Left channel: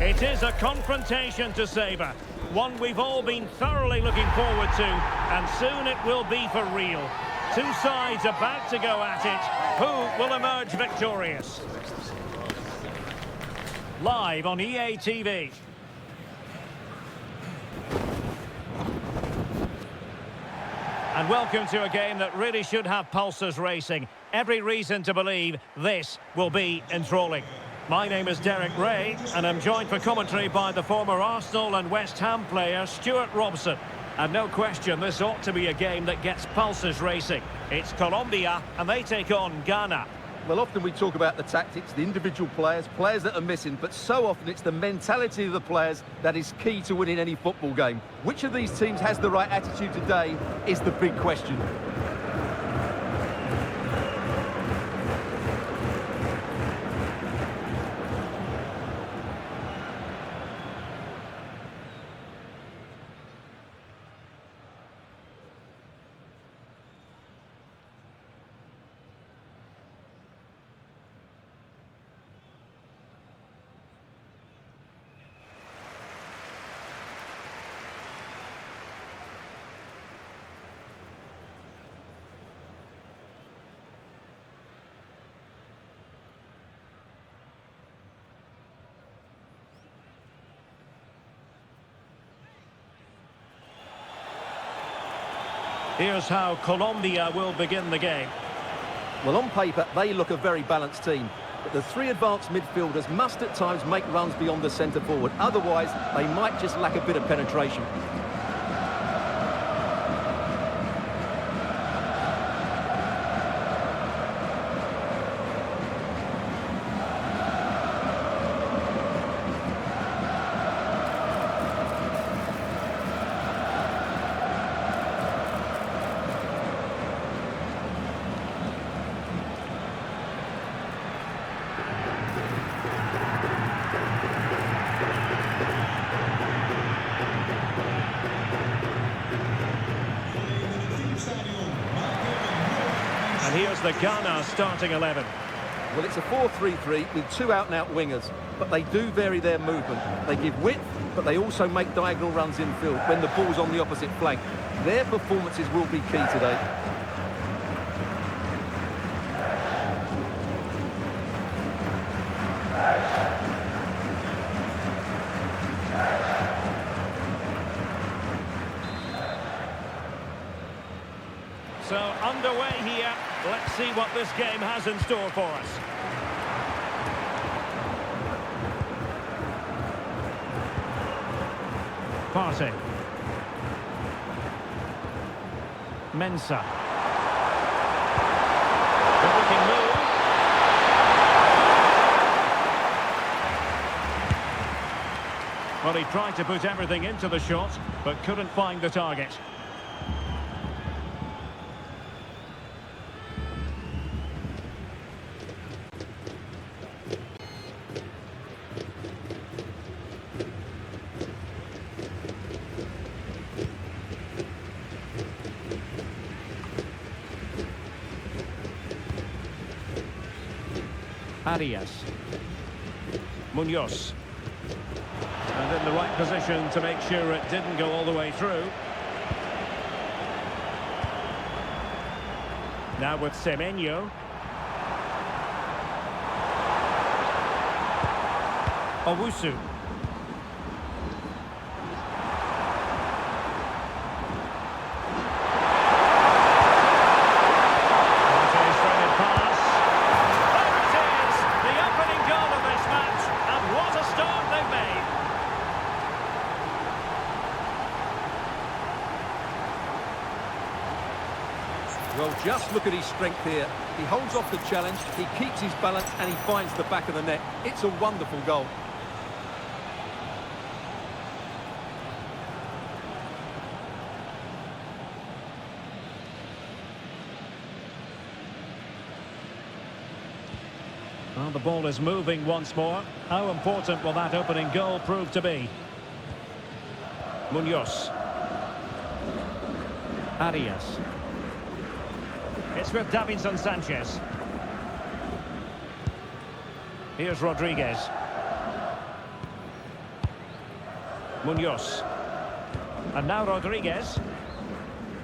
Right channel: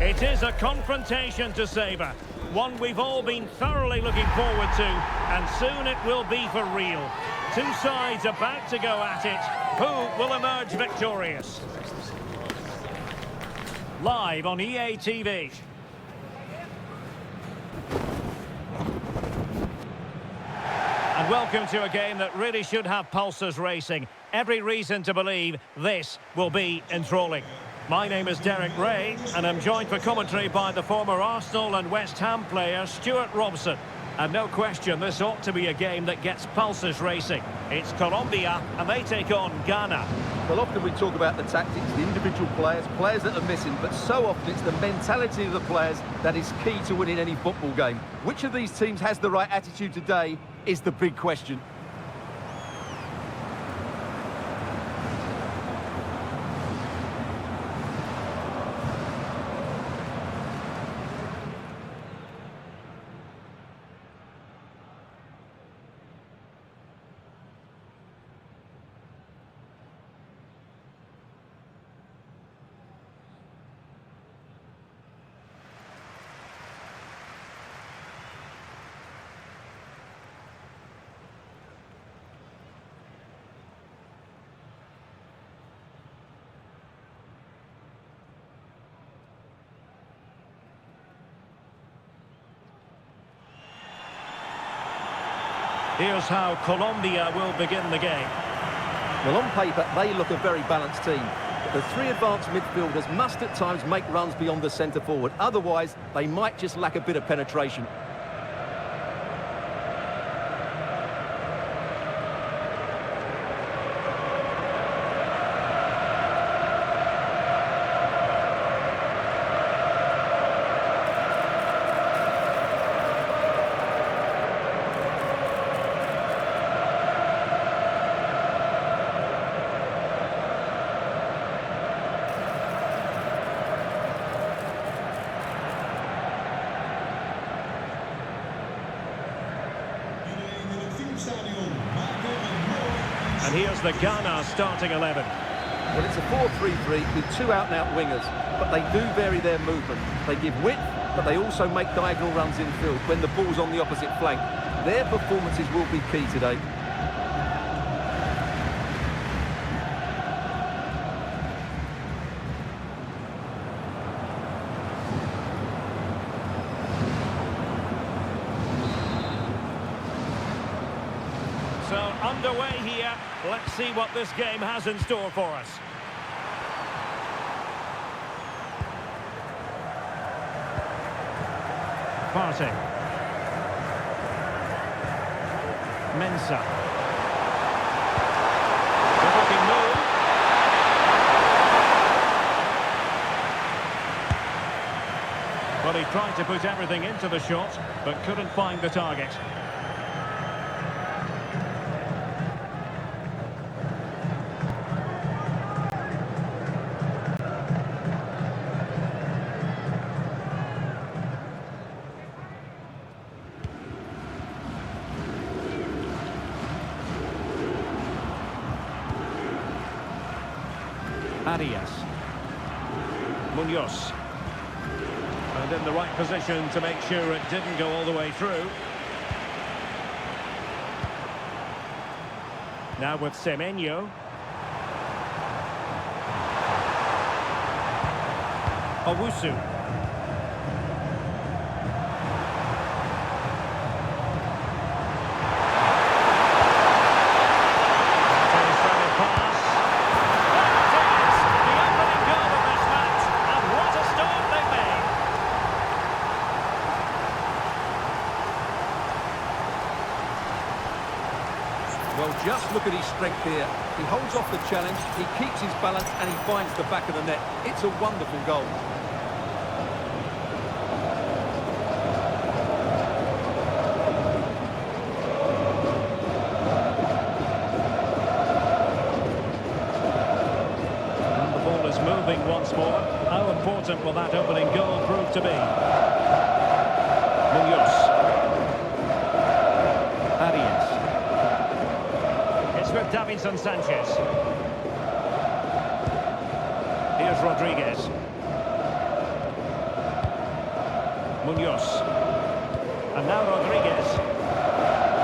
It is a confrontation to savour, one we've all been thoroughly looking forward to, and soon it will be for real. Two sides about to go at it. Who will emerge victorious? Live on EA TV. And welcome to a game that really should have pulses racing. Every reason to believe this will be enthralling. My name is Derek Ray, and I'm joined for commentary by the former Arsenal and West Ham player Stuart Robson. And no question, this ought to be a game that gets pulses racing. It's Colombia, and they take on Ghana. Well, often we talk about the tactics, the individual players that are missing, but so often it's the mentality of the players that is key to winning any football game. Which of these teams has the right attitude today is the big question. Here's how Colombia will begin the game. Well, on paper, they look a very balanced team. But the three advanced midfielders must at times make runs beyond the centre forward. Otherwise, they might just lack a bit of penetration. And here's the Ghana starting 11. Well, it's a 4-3-3 with two out-and-out wingers, but they do vary their movement. They give width, but they also make diagonal runs infield when the ball's on the opposite flank. Their performances will be key today. So underway here. Let's see what this game has in store for us. Partey. Mensah. Good looking move. Well, he tried to put everything into the shot, but couldn't find the target. Arias. Munoz. And in the right position to make sure it didn't go all the way through. Now with Semenyo. Owusu. Well, just look at his strength here. He holds off the challenge, he keeps his balance, and he finds the back of the net. It's a wonderful goal. And the ball is moving once more. How important will that opening goal prove to be? Munoz. Arias. It's with Davinson Sanchez. Here's Rodriguez. Munoz. And now Rodriguez.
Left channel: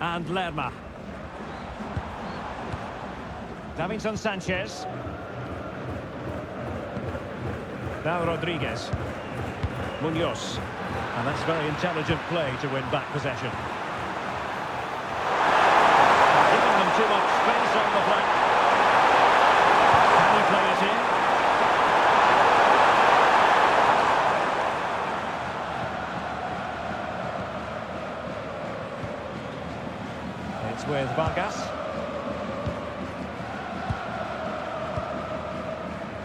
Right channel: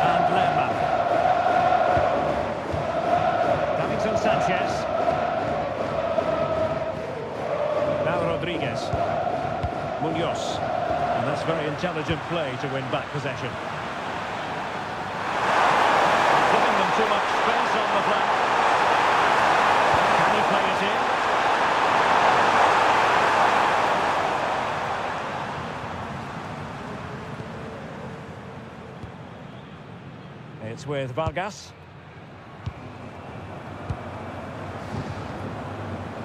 And Lerma. Davinson Sanchez. Now Rodriguez. Munoz. And that's very intelligent play to win back possession. Giving them too much space on the flank. Can he play it in? It's with Vargas.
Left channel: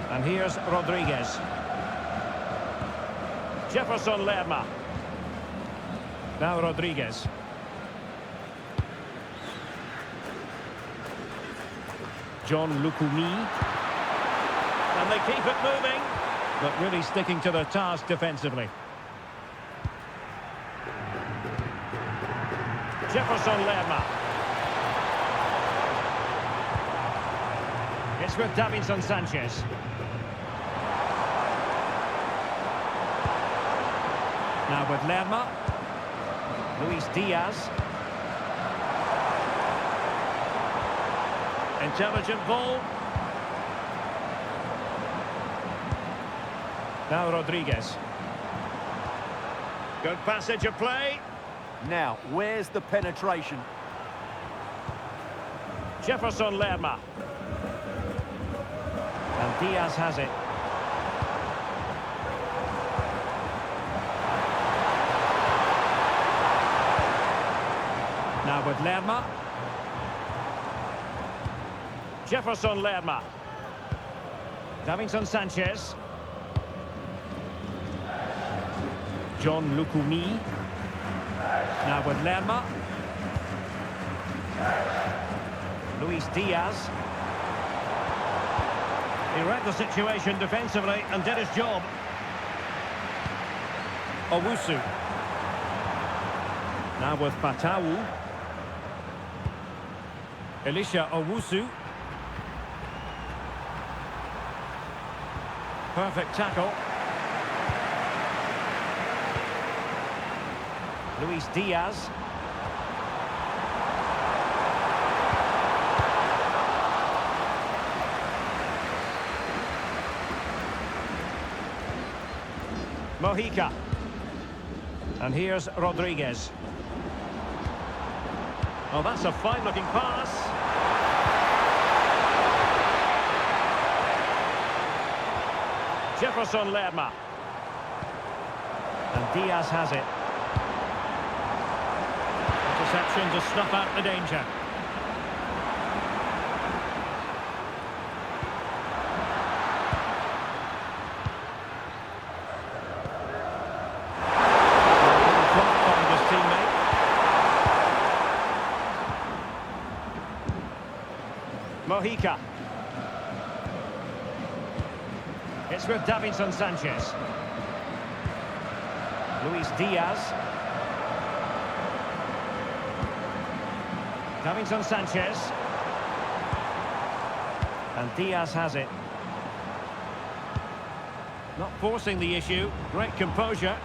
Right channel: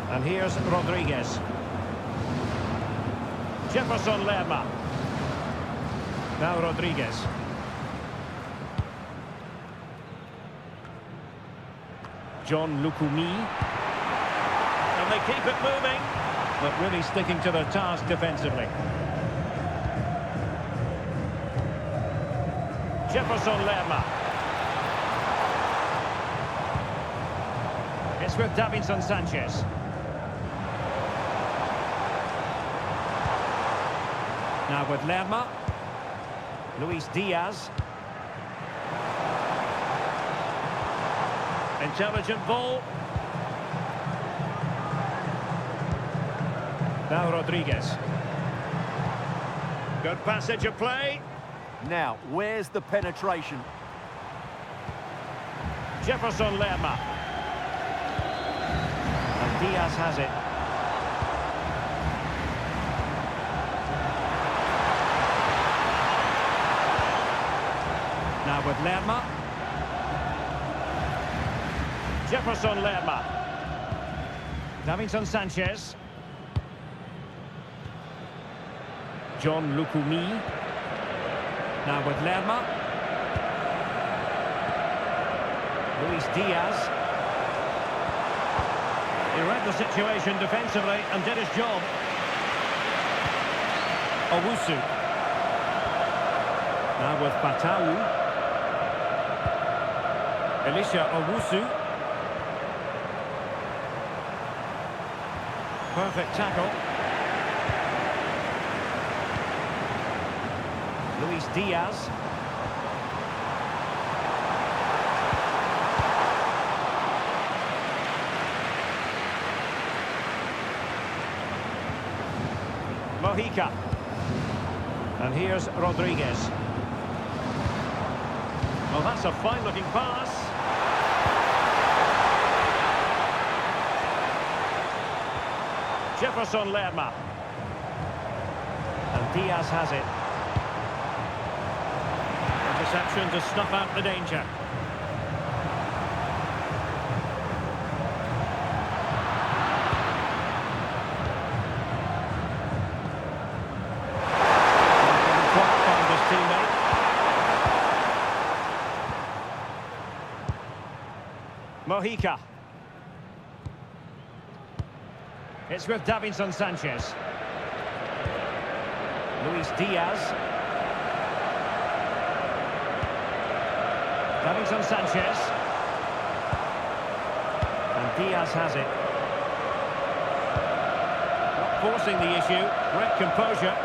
And here's Rodriguez. Jefferson Lerma. Now Rodriguez. John Lukumi. And they keep it moving, but really sticking to their task defensively. Jefferson Lerma. It's with Davinson Sanchez. Now with Lerma. Luis Diaz. Intelligent ball. Now Rodriguez. Good passage of play. Now, where's the penetration? Jefferson Lerma. And Diaz has it. Now with Lerma. Jefferson Lerma. Davinson Sanchez. John Lukumi. Now with Lerma. Luis Diaz. He read the situation defensively and did his job. Owusu. Now with Fatawu. Elisha Owusu. Perfect tackle. Luis Diaz. Mojica. And here's Rodriguez. Oh, that's a fine-looking pass. Jefferson Lerma. And Diaz has it. Interception to snuff out the danger. Couldn't quite find his teammate. Mojica. It's with Davinson Sanchez. Luis Diaz. Davinson Sanchez. And Diaz has it. Not forcing the issue. Great composure.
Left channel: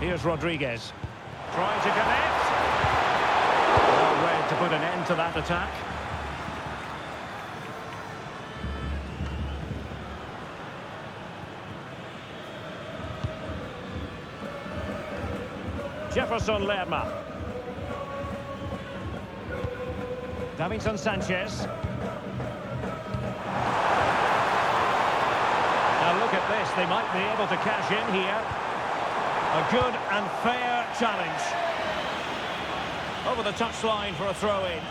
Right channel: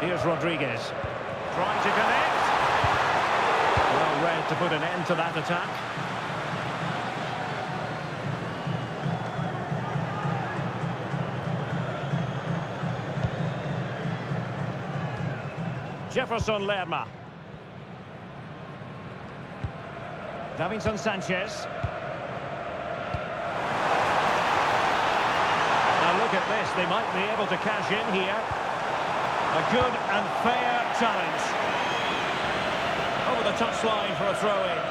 Here's Rodriguez. Trying to connect. Well read to put an end to that attack. Jefferson Lerma. Davinson Sanchez. Now look at this, they might be able to cash in here. A good and fair challenge. Over the touchline for a throw-in.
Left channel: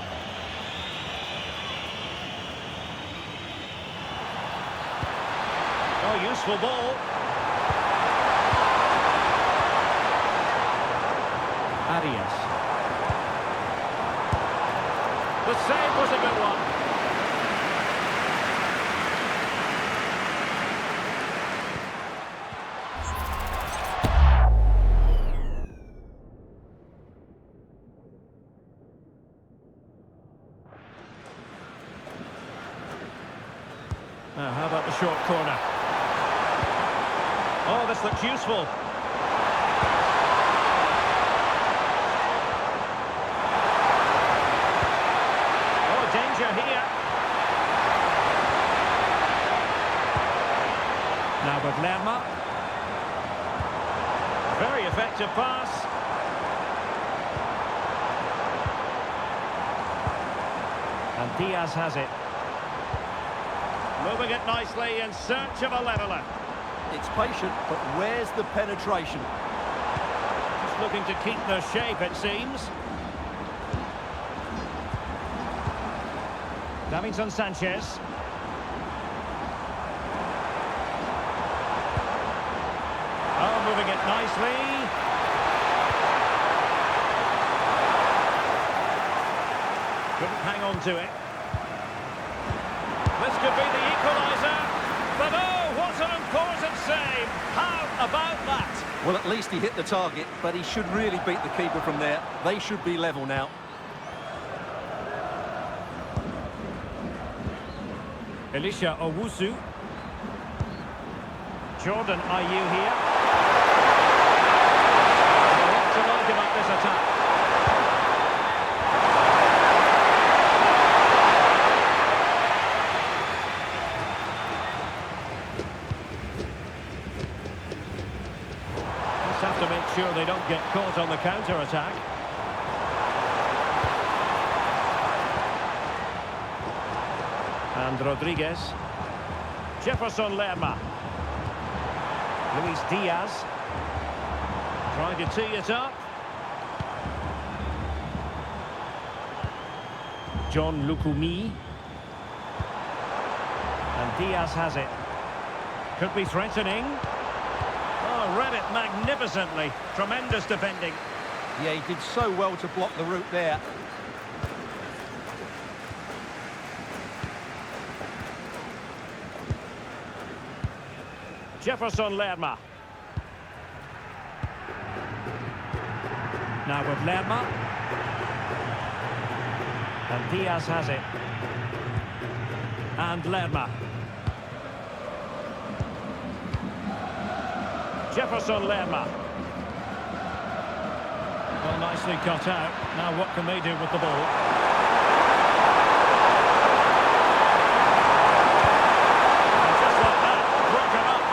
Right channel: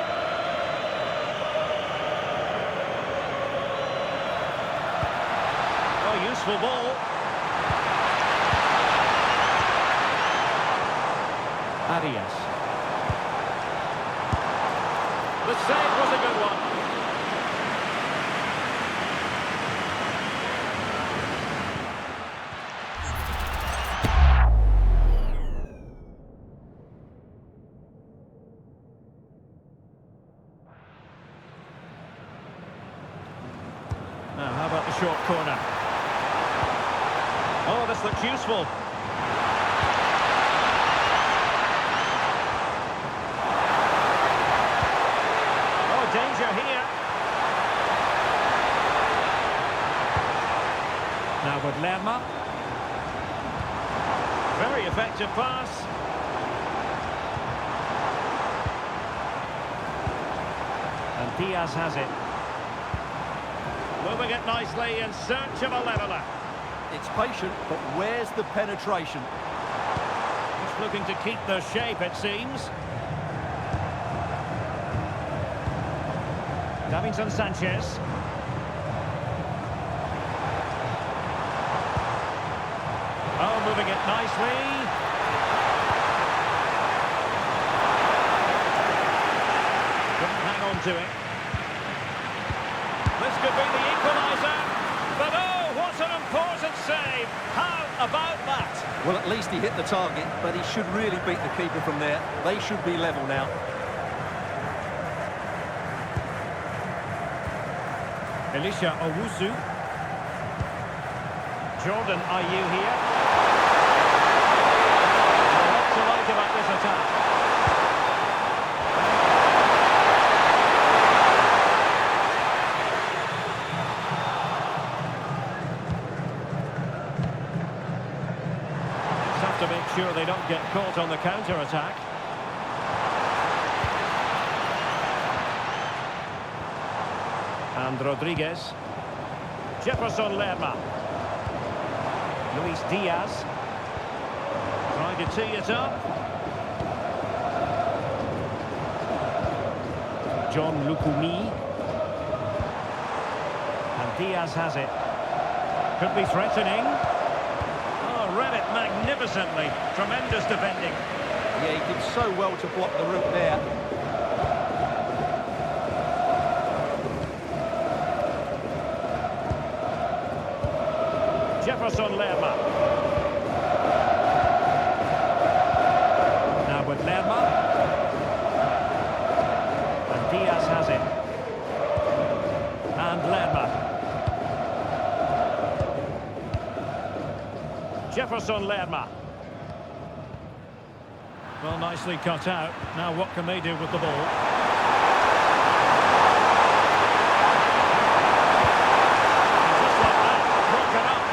Oh, useful ball. Arias. The save was a good one. Now, how about the short corner? Oh, this looks useful. Oh, danger here. Now with Lerma. Very effective pass. And Diaz has it. Moving it nicely in search of a leveller. It's patient, but where's the penetration? Just looking to keep their shape, it seems. Davinson Sanchez. Oh, moving it nicely. Couldn't hang on to it. This could be the equaliser. But oh, what an important save. How about that? Well, at least he hit the target, but he should really beat the keeper from there. They should be level now. Elisha Owusu. Jordan Ayew here. A lot to like about this attack. Just have to make sure they don't get caught on the counter-attack. And Rodriguez. Jefferson Lerma. Luis Diaz. Trying to tee it up. John Lukumi. And Diaz has it. Could be threatening. Oh, read it magnificently. Tremendous defending. Yeah, he did so well to block the route there. Jefferson Lerma. Now with Lerma. And Diaz has it. And Lerma. Jefferson Lerma. Well, nicely cut out. Now what can they do with the ball? And just like that, broken up.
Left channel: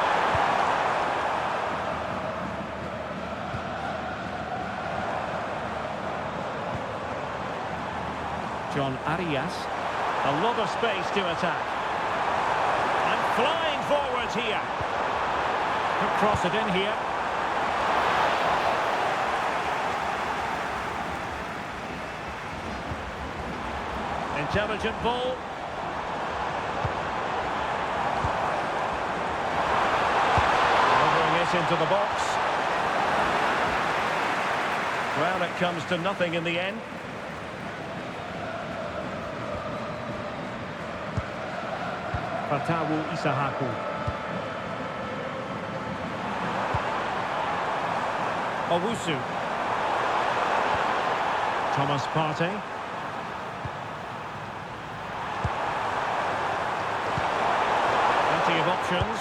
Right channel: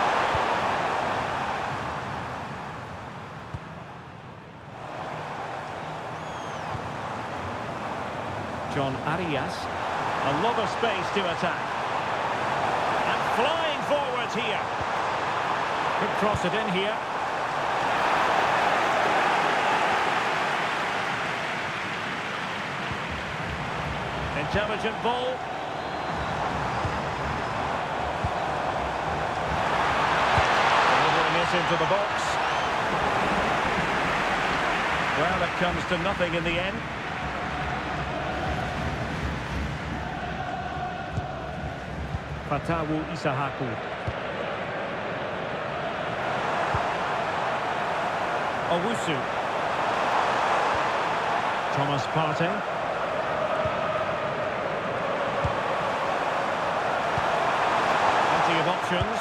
John Arias. A lot of space to attack. And flying forwards here. Could cross it in here. Intelligent ball. Delivering it into the box. Well, it comes to nothing in the end. Fatawu Isahaku. Owusu. Thomas Partey. Plenty of options.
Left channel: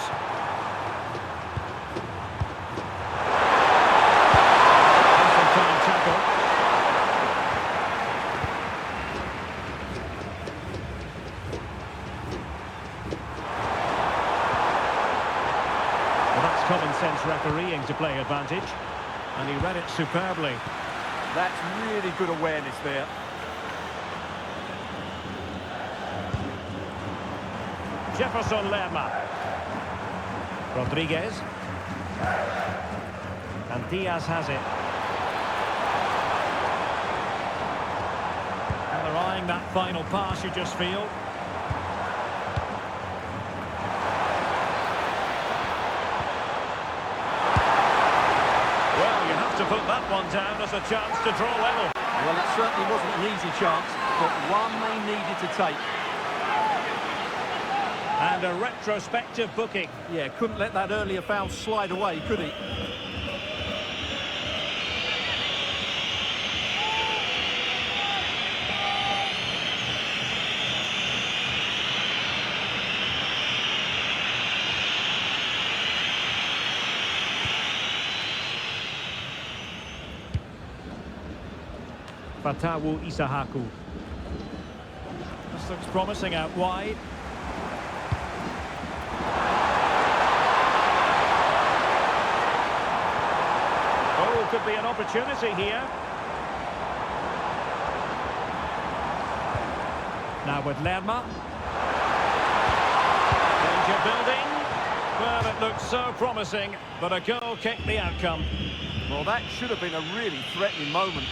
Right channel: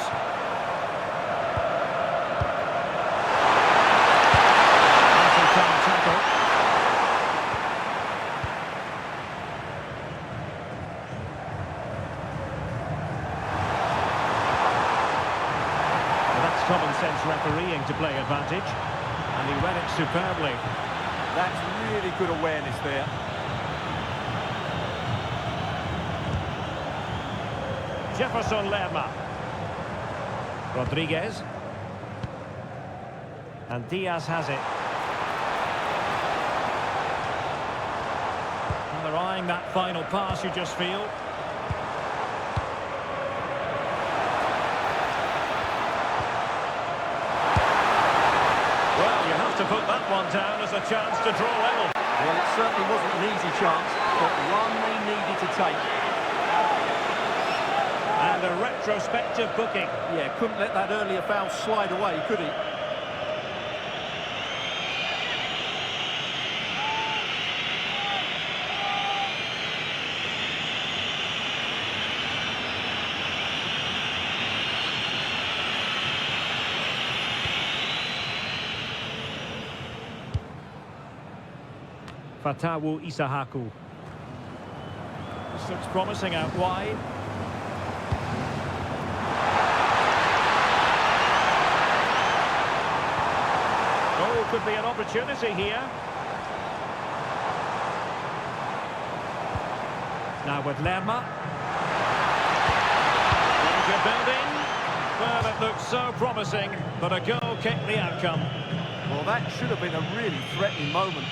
Time tackle. Well, that's common sense refereeing to play advantage. And he read it superbly. That's really good awareness there. Jefferson Lerma. Rodriguez. And Diaz has it. And they're eyeing that final pass, you just feel. Well, you have to put that one down as a chance to draw level. Well, it certainly wasn't an easy chance, but one they needed to take. And a retrospective booking. Yeah, couldn't let that earlier foul slide away, could he? Fatawu Isahaku. This looks promising out wide. Oh, could be an opportunity here. Now with Lerma. Danger building. Well, it looked so promising, but a goal kicked the outcome. Well, that should have been a really threatening moment.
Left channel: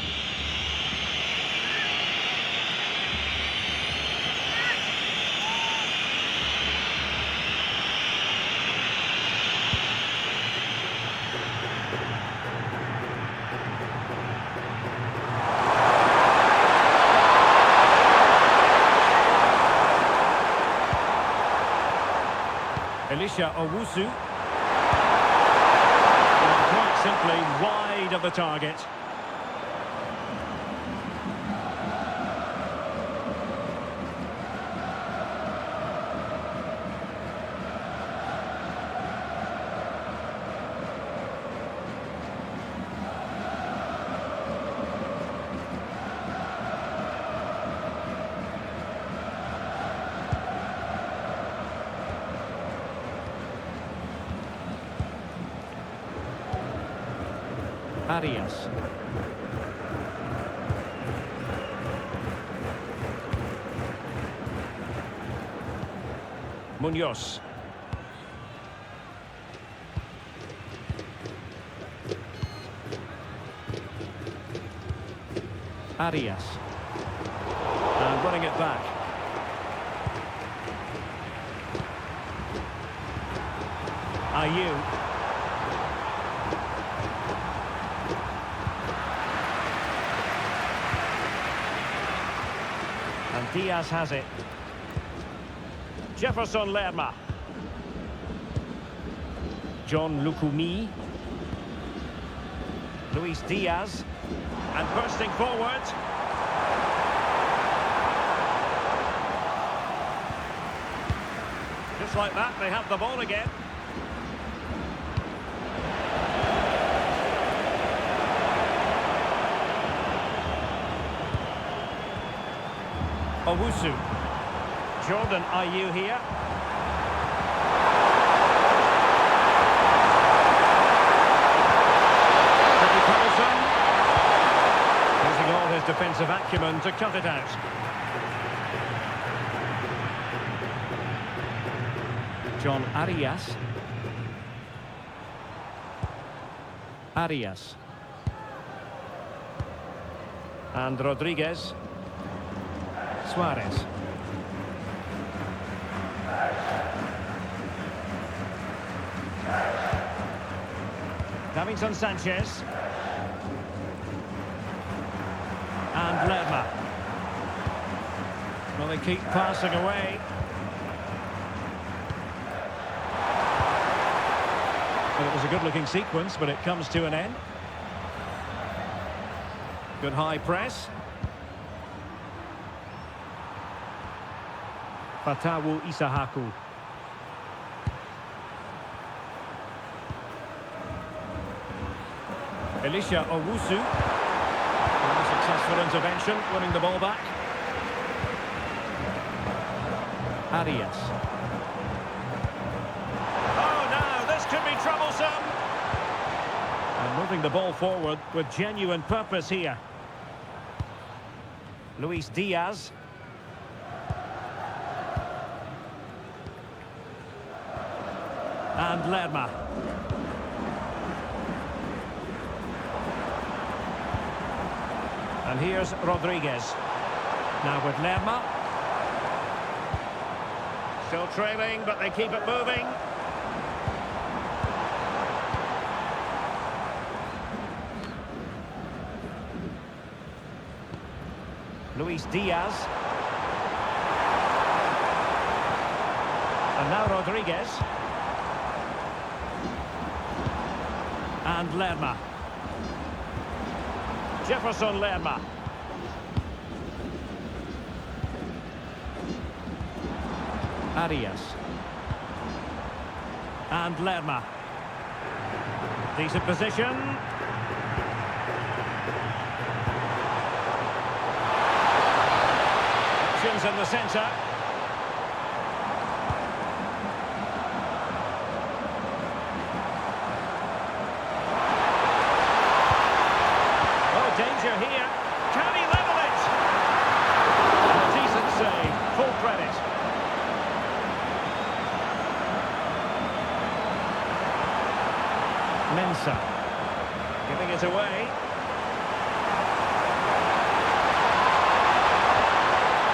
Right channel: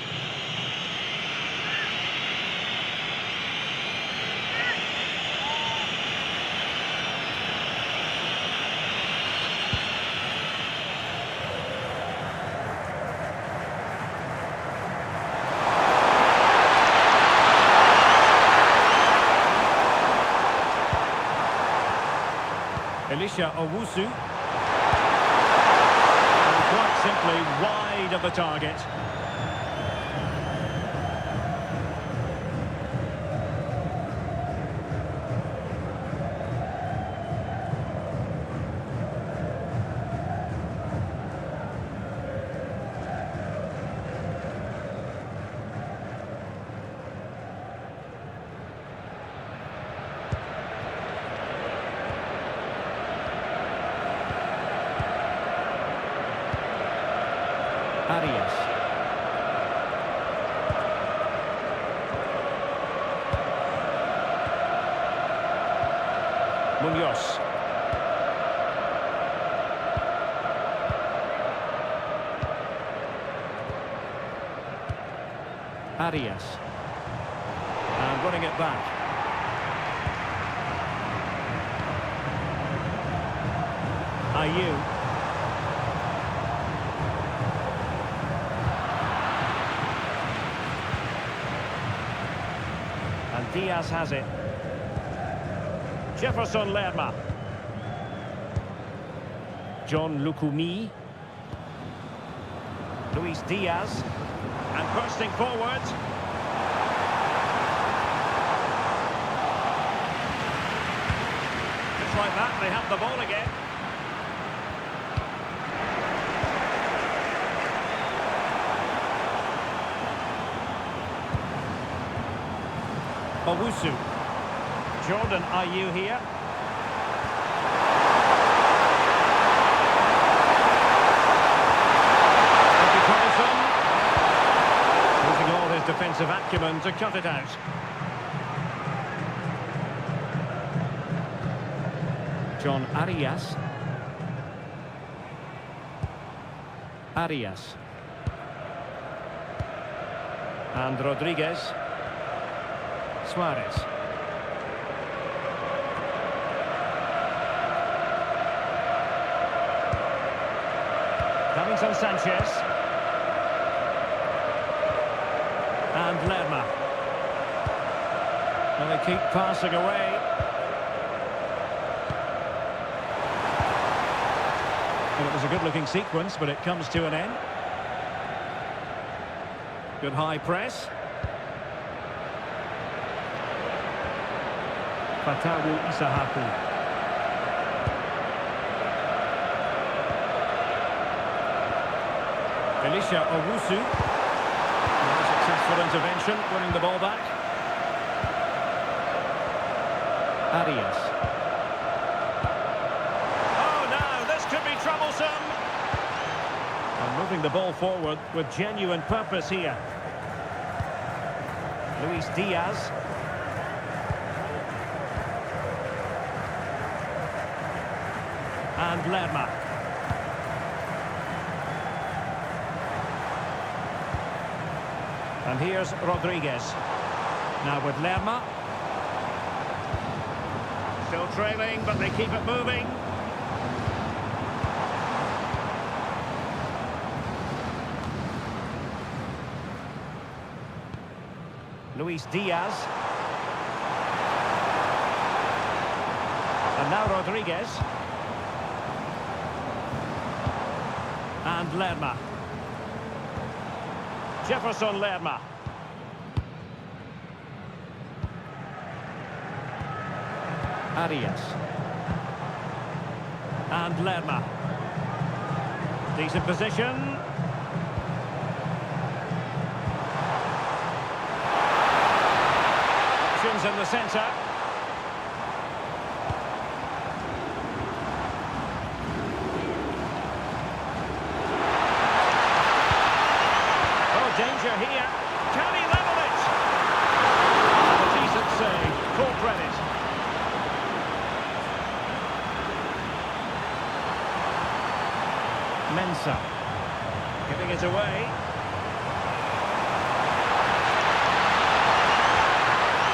Elisha Owusu. And quite simply wide of the target. Arias. Munoz. Arias. And running it back. Ayew. And Diaz has it. Jefferson Lerma. John Lukumi. Luis Diaz. And bursting forward. Just like that, they have the ball again. Owusu. Jordan Ayew here. Pretty troublesome. Using all his defensive acumen to cut it out. John Arias. Arias. And Rodriguez. Suarez. Davinson Sanchez. And Lerma. Well, they keep passing away. And it was a good-looking sequence, but it comes to an end. Good high press. Fatawu Isahaku. Elisha Owusu. Another successful intervention, winning the ball back. Arias. Oh, now this could be troublesome. And moving the ball forward with genuine purpose here. Luis Diaz. And Lerma. And here's Rodriguez. Now with Lerma. Still trailing, but they keep it moving. Luis Diaz. And now Rodriguez. And Lerma. Jefferson Lerma. Arias. And Lerma. Decent position. options in the centre. Oh, danger here. Can he level it? And a decent save. Full credit. Mensah. Giving it away.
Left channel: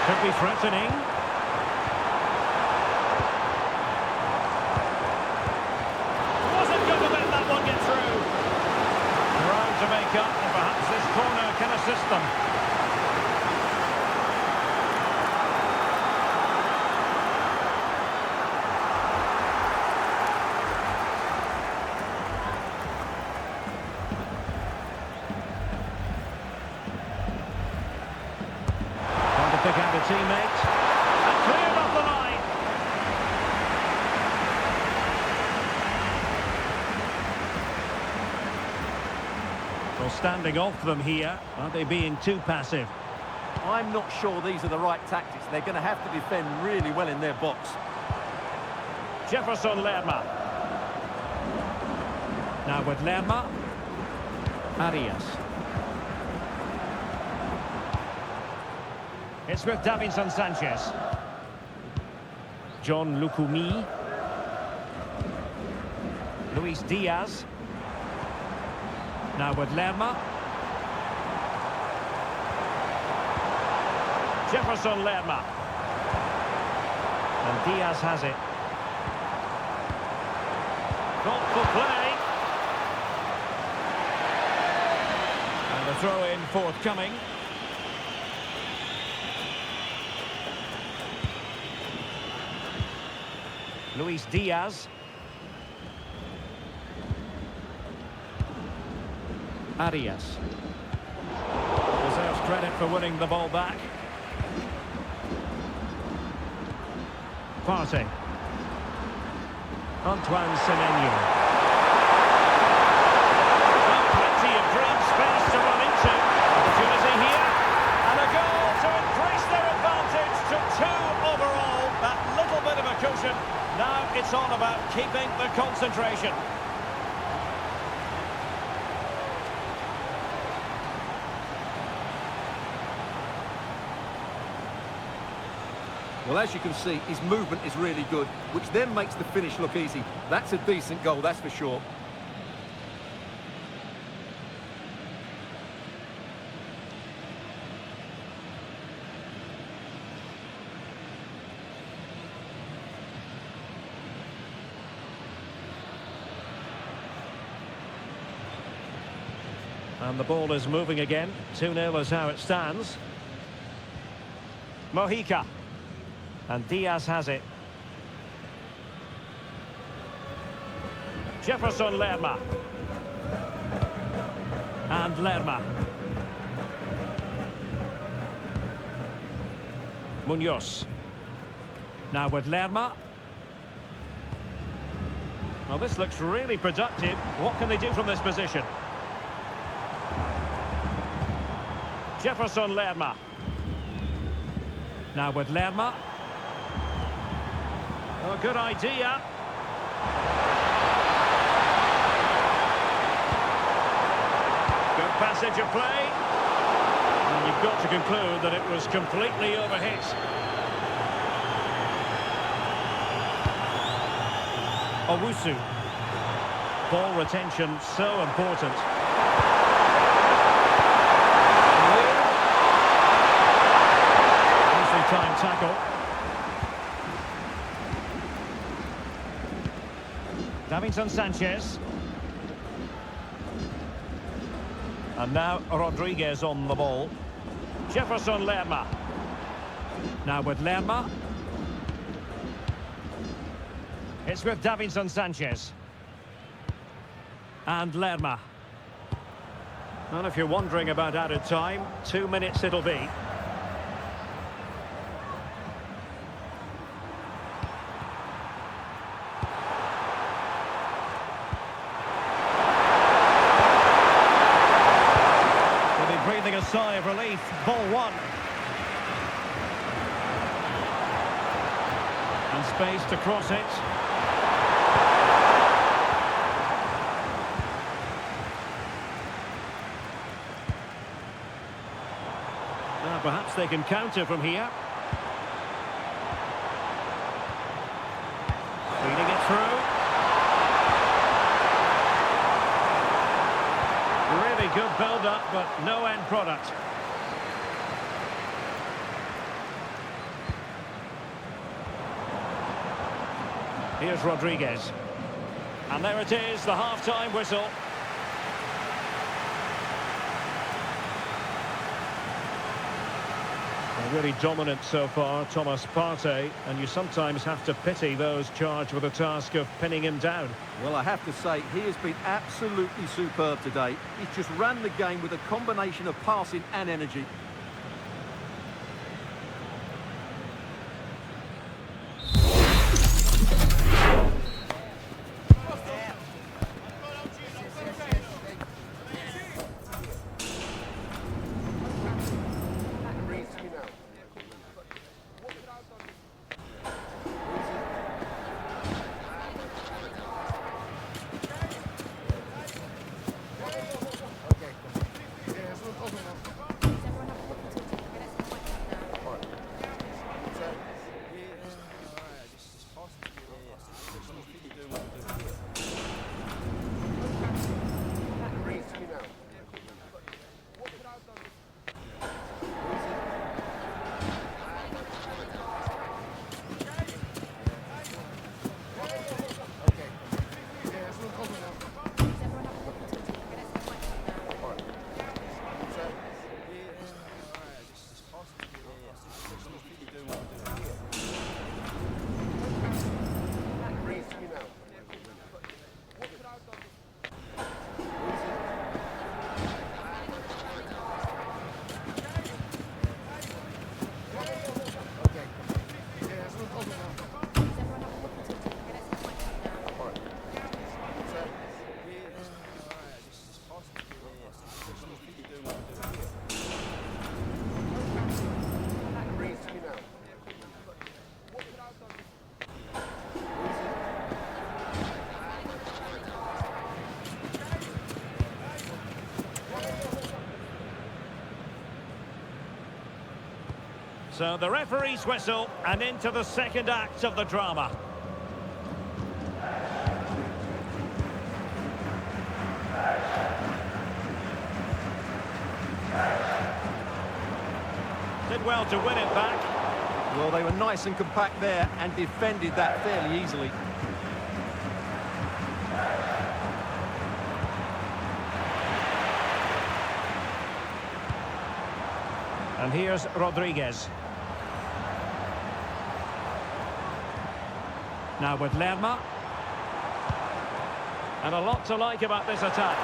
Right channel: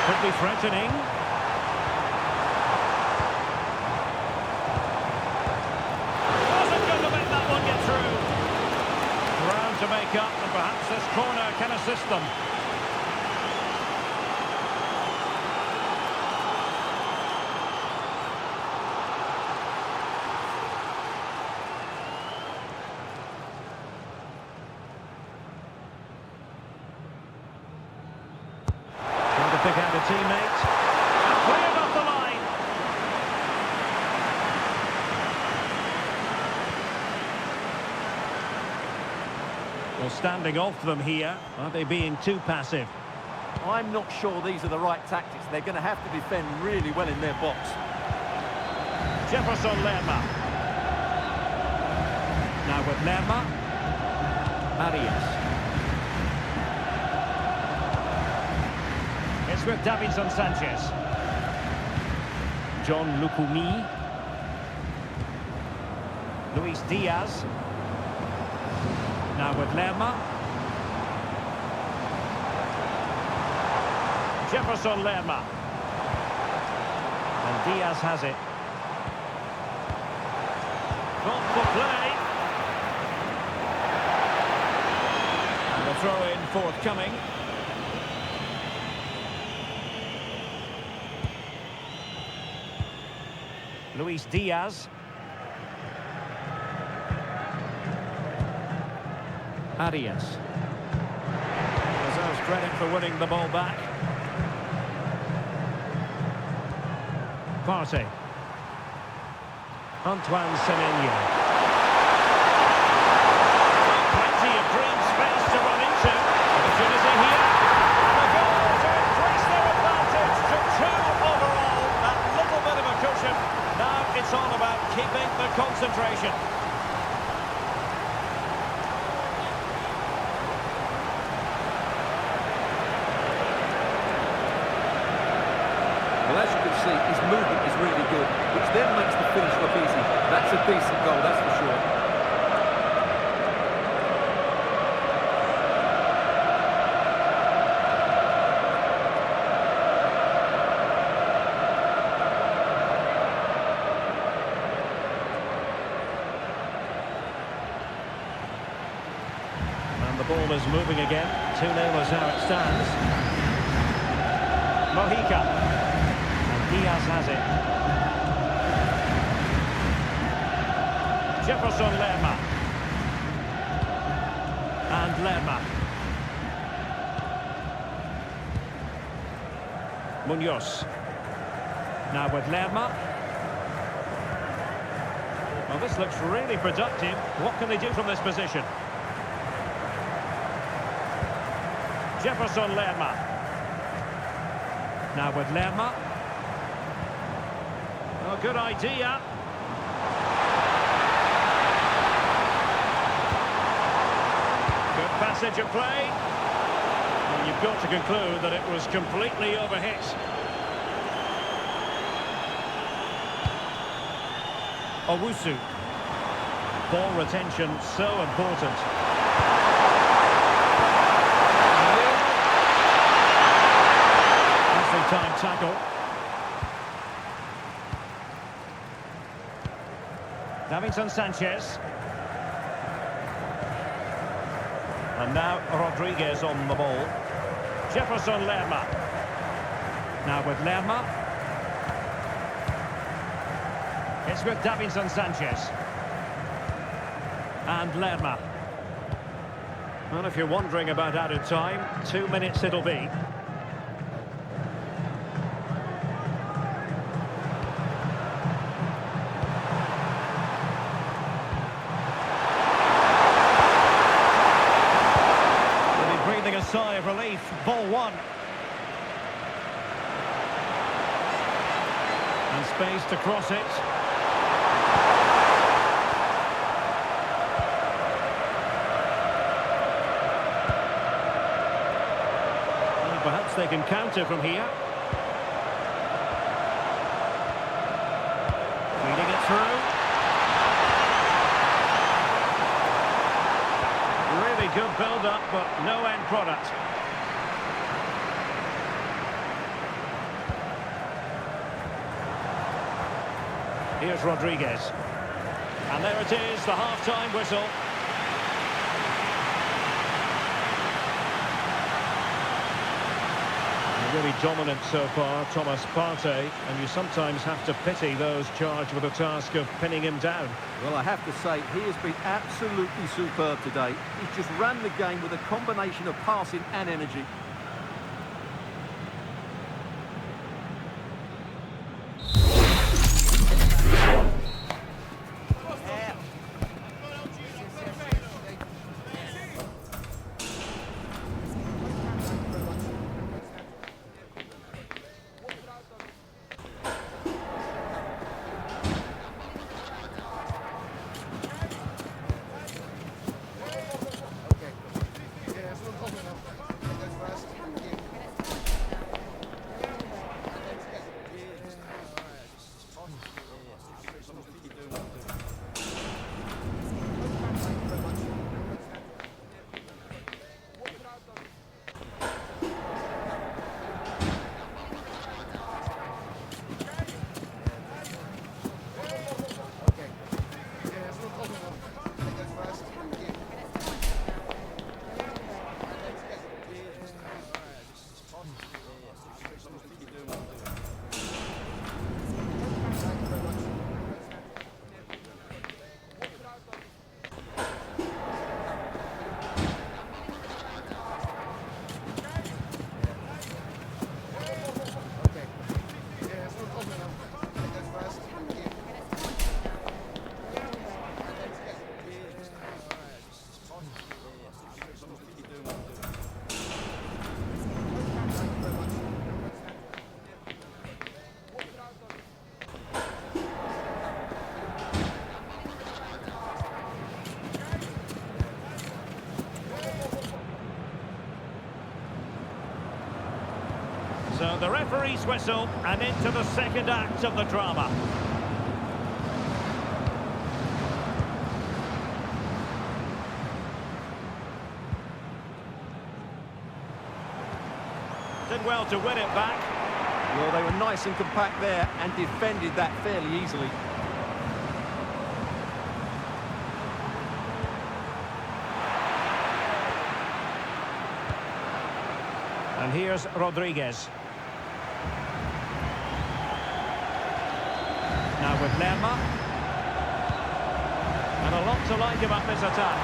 Could be threatening. Wasn't going to let that one get through. Ground to make up, and perhaps this corner can assist them. Trying to pick out a teammate. And cleared off the line. Well, standing off them here. Are they being too passive? I'm not sure these are the right tactics. They're going to have to defend really well in their box. Jefferson Lerma. Now with Lerma. Arias. It's with Davinson Sanchez. John Lukumi. Luis Diaz. Now with Lerma. Jefferson Lerma. And Diaz has it. Thoughtful play. And a throw-in forthcoming. Luis Diaz. Arias. Deserves credit for winning the ball back. Partey. Antoine Semenyo. Well, plenty of green space to run into. Opportunity here. And a goal to increase their advantage to 2 overall. That little bit of a cushion. Now it's all about keeping the concentration. Well, as you can see, his movement is really good, which then makes the finish look easy. That's a decent goal, that's for sure. And the ball is moving again. 2-0 is how it stands. Mojica. And Diaz has it. Jefferson Lerma. And Lerma. Munoz. Now with Lerma. Well, this looks really productive. What can they do from this position? Jefferson Lerma. Now with Lerma. Oh, good idea. Good passage of play. And you've got to conclude that it was completely overhit. Owusu. Ball retention so important. Nicely timed tackle. Davinson Sanchez. And now Rodriguez on the ball. Jefferson Lerma. Now with Lerma. It's with Davinson Sanchez. And Lerma. And if you're wondering about added time, 2 minutes it'll be. Breathing a sigh of relief. Ball one. And space to cross it. Perhaps they can counter from here. Feeding it through. Really good build-up, but no end product. Here's Rodriguez. And there it is, the half-time whistle. They're really dominant so far, Thomas Partey, and you sometimes have to pity those charged with the task of pinning him down. Well, I have to say, he has been absolutely superb today. He's just ran the game with a combination of passing and energy. So the referee's whistle, and into the second act of the drama. Did well to win it back. Well, they were nice and compact there and defended that fairly easily. And here's Rodriguez. Now with Lerma. And a lot to like about this attack.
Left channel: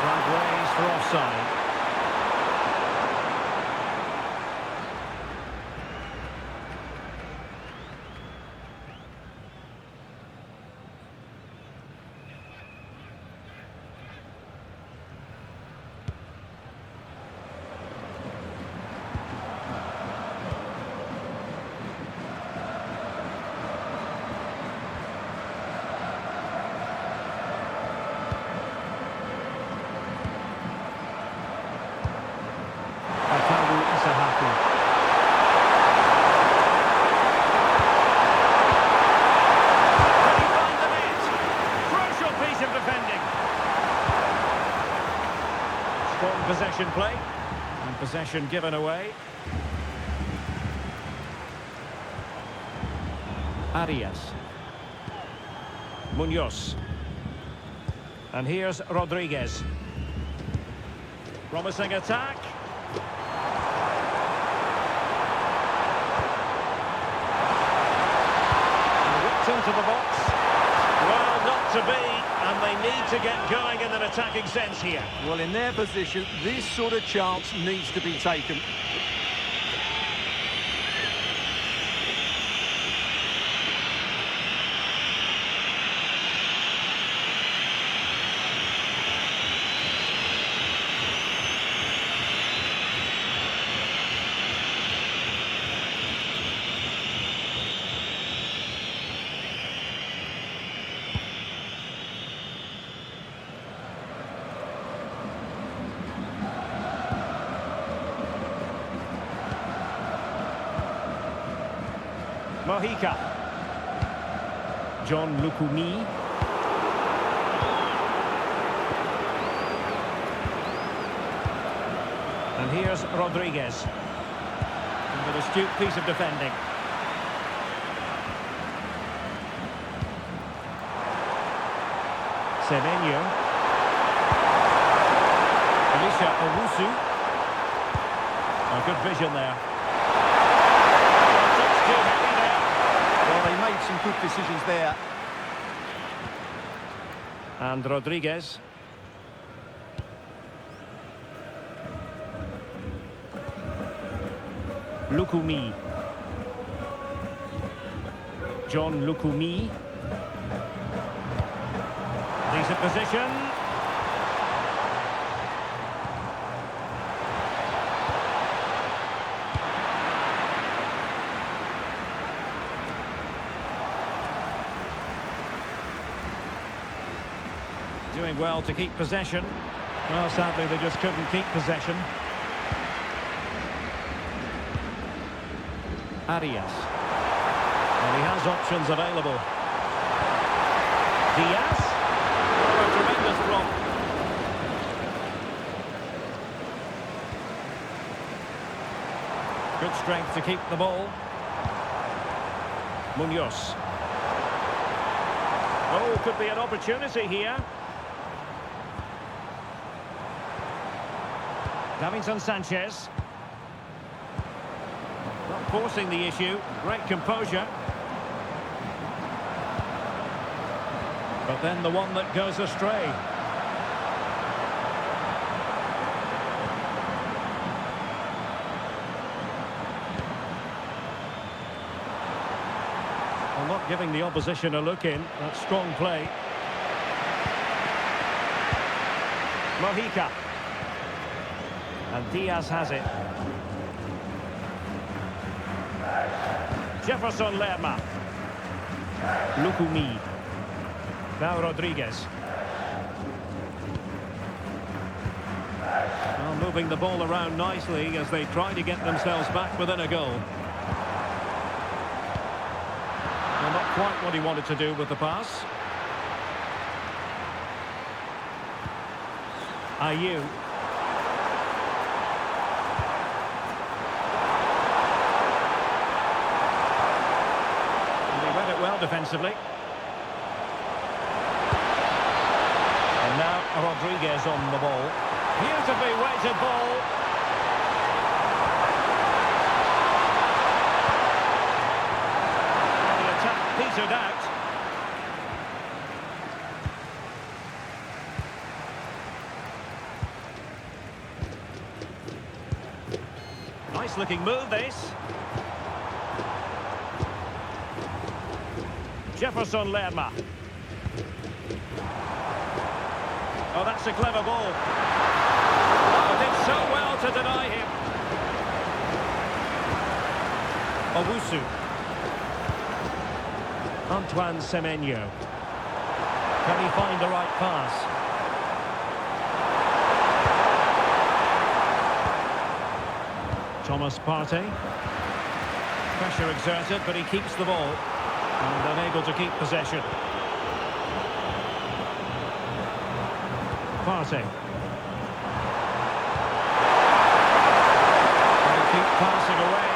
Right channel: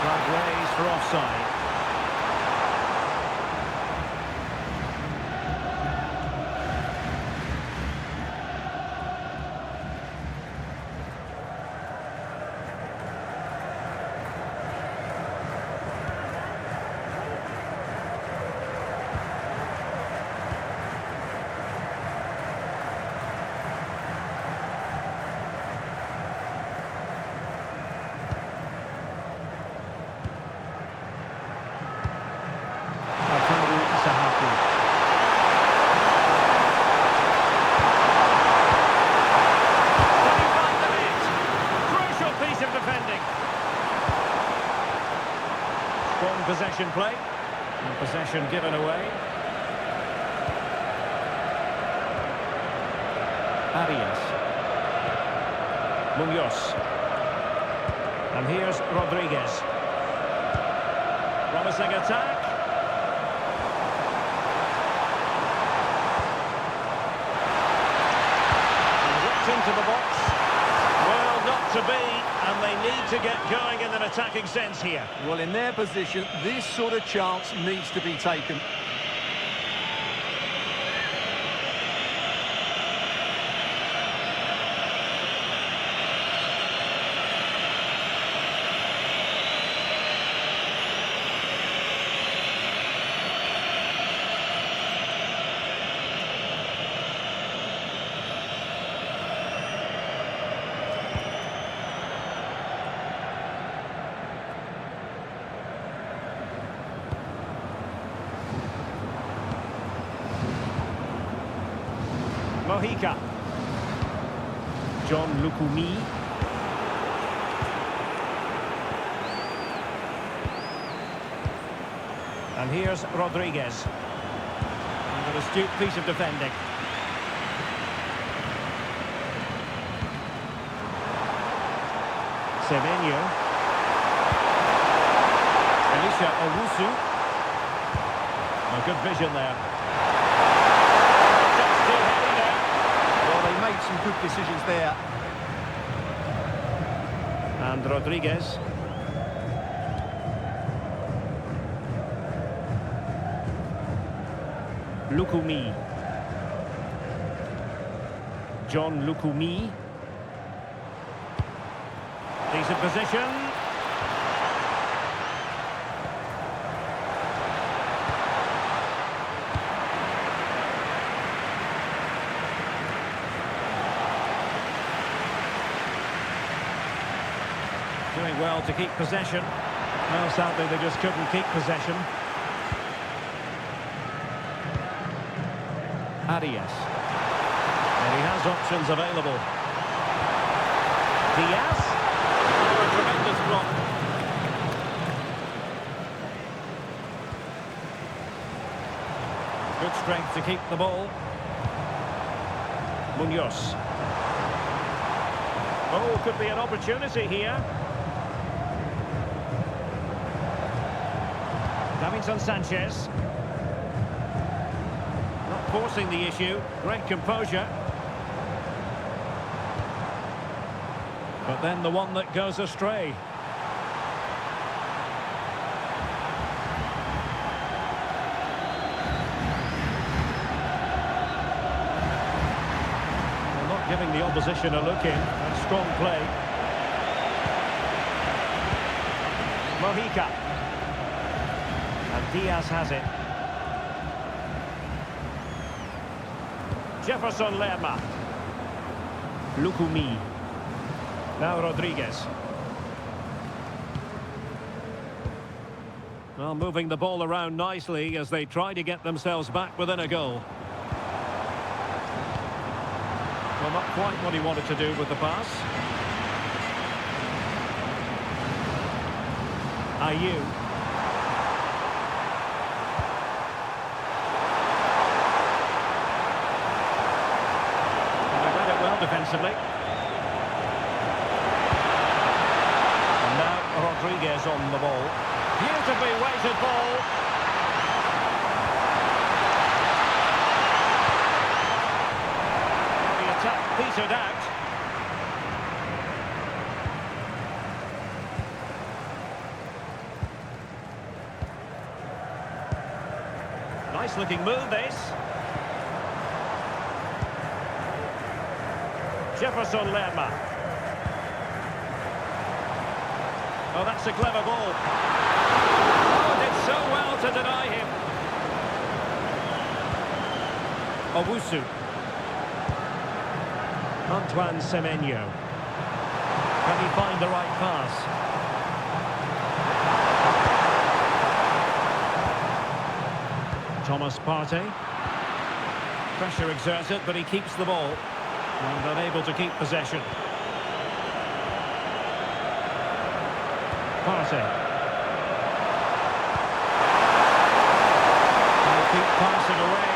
Flag raised for offside. Of defending. Strong possession play, and possession given away. Arias. Munoz. And here's Rodriguez. Promising attack. And whipped into the box. Well, not to be, and they need to get going in an attacking sense here. Well, in their position, this sort of chance needs to be taken. Mojica. John Lukumi. And here's Rodriguez. And an astute piece of defending. Semenyo. Elisha Owusu. A good vision there. Oh, just too heavy there. Well, they made some good decisions there. And Rodriguez. Lukumi. John Lukumi. Decent position. Doing well to keep possession. Well, sadly, they just couldn't keep possession. Arias. And he has options available. Diaz. Oh, a tremendous block. Good strength to keep the ball. Munoz. Oh, could be an opportunity here. Davinson Sanchez. Not forcing the issue. Great composure. But then the one that goes astray. Well, not giving the opposition a look in. That's strong play. Mojica. And Diaz has it. Jefferson Lerma. Lukumi. Now Rodriguez. Well, moving the ball around nicely as they try to get themselves back within a goal. Well, not quite what he wanted to do with the pass. Ayew. Well defensively. And now Rodriguez on the ball. Beautifully weighted ball. Well, the attack petered out. Nice looking move this. Jefferson Lerma. Oh, that's a clever ball. Oh, did so well to deny him. Owusu. Antoine Semenyo. Can he find the right pass? Thomas Partey. Pressure exerted, but he keeps the ball. And unable to keep possession. Partey. And they keep passing away.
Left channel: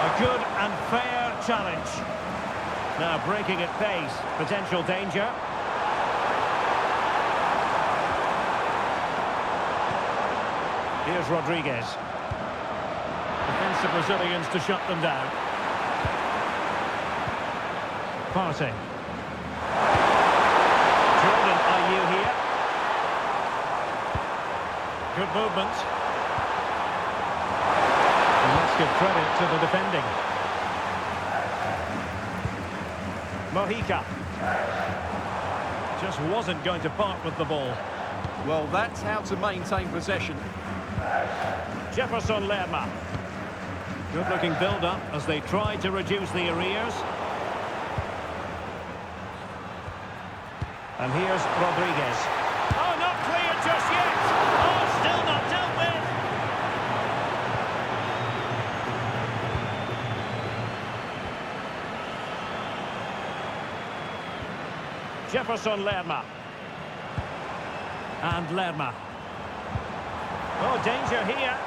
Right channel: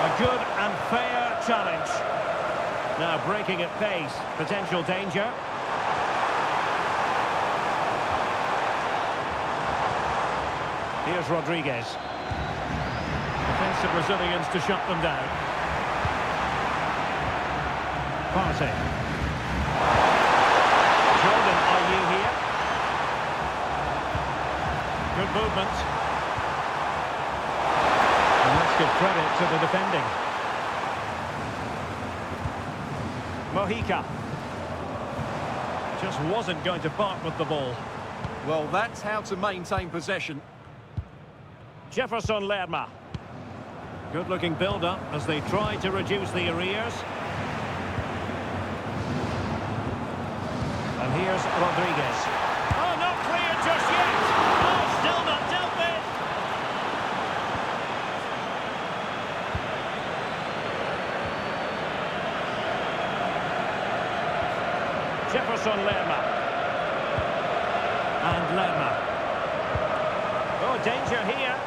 A good and fair challenge. Now breaking at pace. Potential danger. Here's Rodriguez. Defensive Brazilians to shut them down. Partey. Jordan Ayew here. Good movement. And let's give credit to the defending. Mojica. Just wasn't going to part with the ball. Well, that's how to maintain possession. Jefferson Lerma. Good looking build-up as they try to reduce the arrears. And here's Rodriguez. Oh, not cleared just yet. Oh, still not dealt with. Jefferson Lerma. And Lerma. Oh, danger here.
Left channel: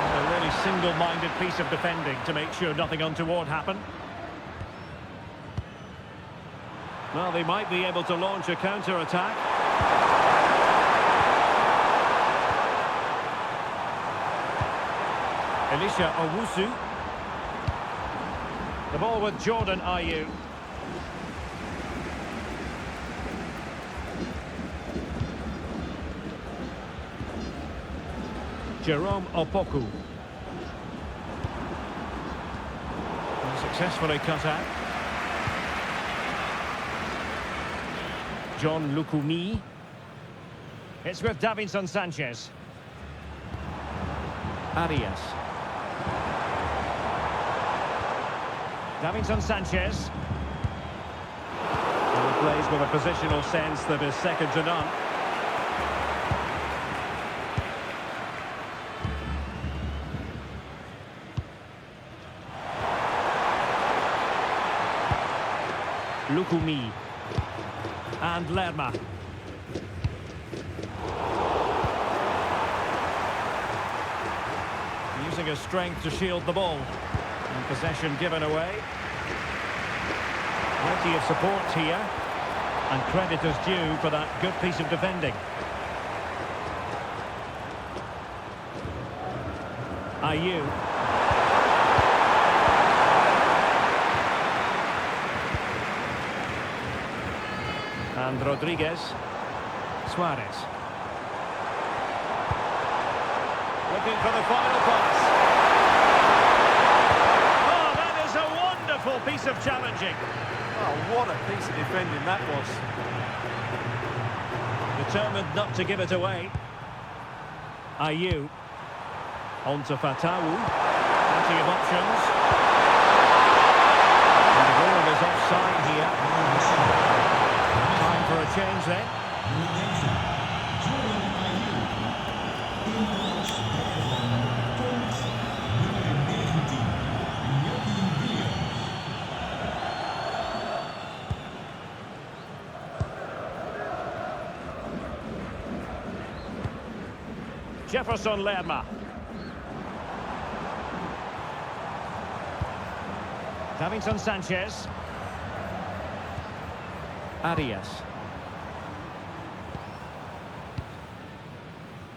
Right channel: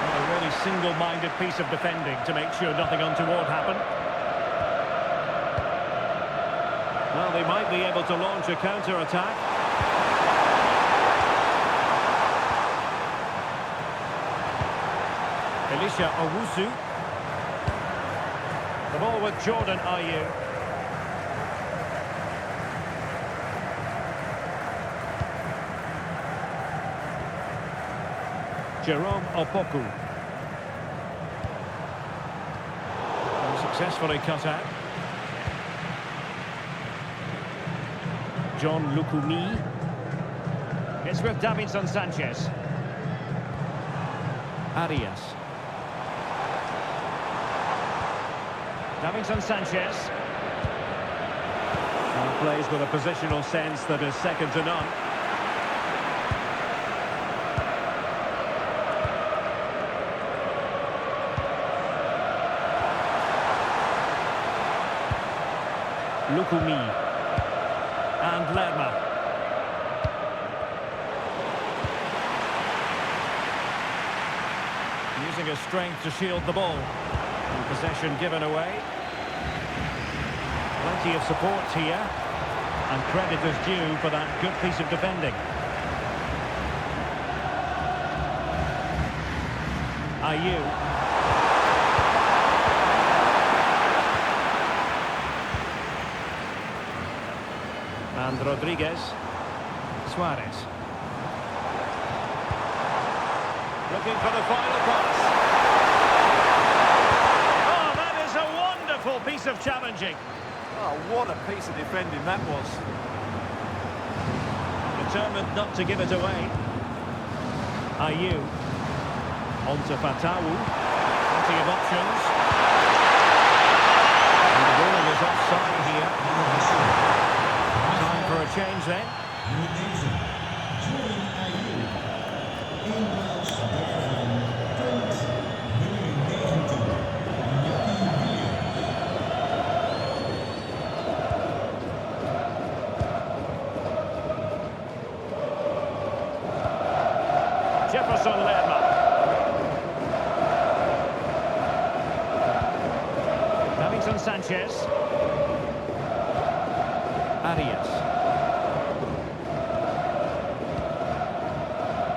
And a really single-minded piece of defending to make sure nothing untoward happened. Well, they might be able to launch a counter-attack. Elisha Owusu. The ball with Jordan Ayew. Jerome Opoku. And successfully cut out. John Lukumi. It's with Davinson Sanchez. Arias. Davinson Sanchez. And plays with a positional sense that is second to none. Lukumi. And Lerma. Using his strength to shield the ball. And possession given away. Plenty of support here. And credit is due for that good piece of defending. Ayew. And Rodriguez. Suarez. Looking for the final pass. Oh, that is a wonderful piece of challenging. Oh, what a piece of defending that was. Determined not to give it away. Ayew. On to Fatawu. Plenty of options. And the ball is offside here. Time for a change then. Nummer 9, Jordan Ayew. In plaats daarvan komt nummer 19, Jackie Williams. Jefferson Lerma. Davinson Sanchez. Arias.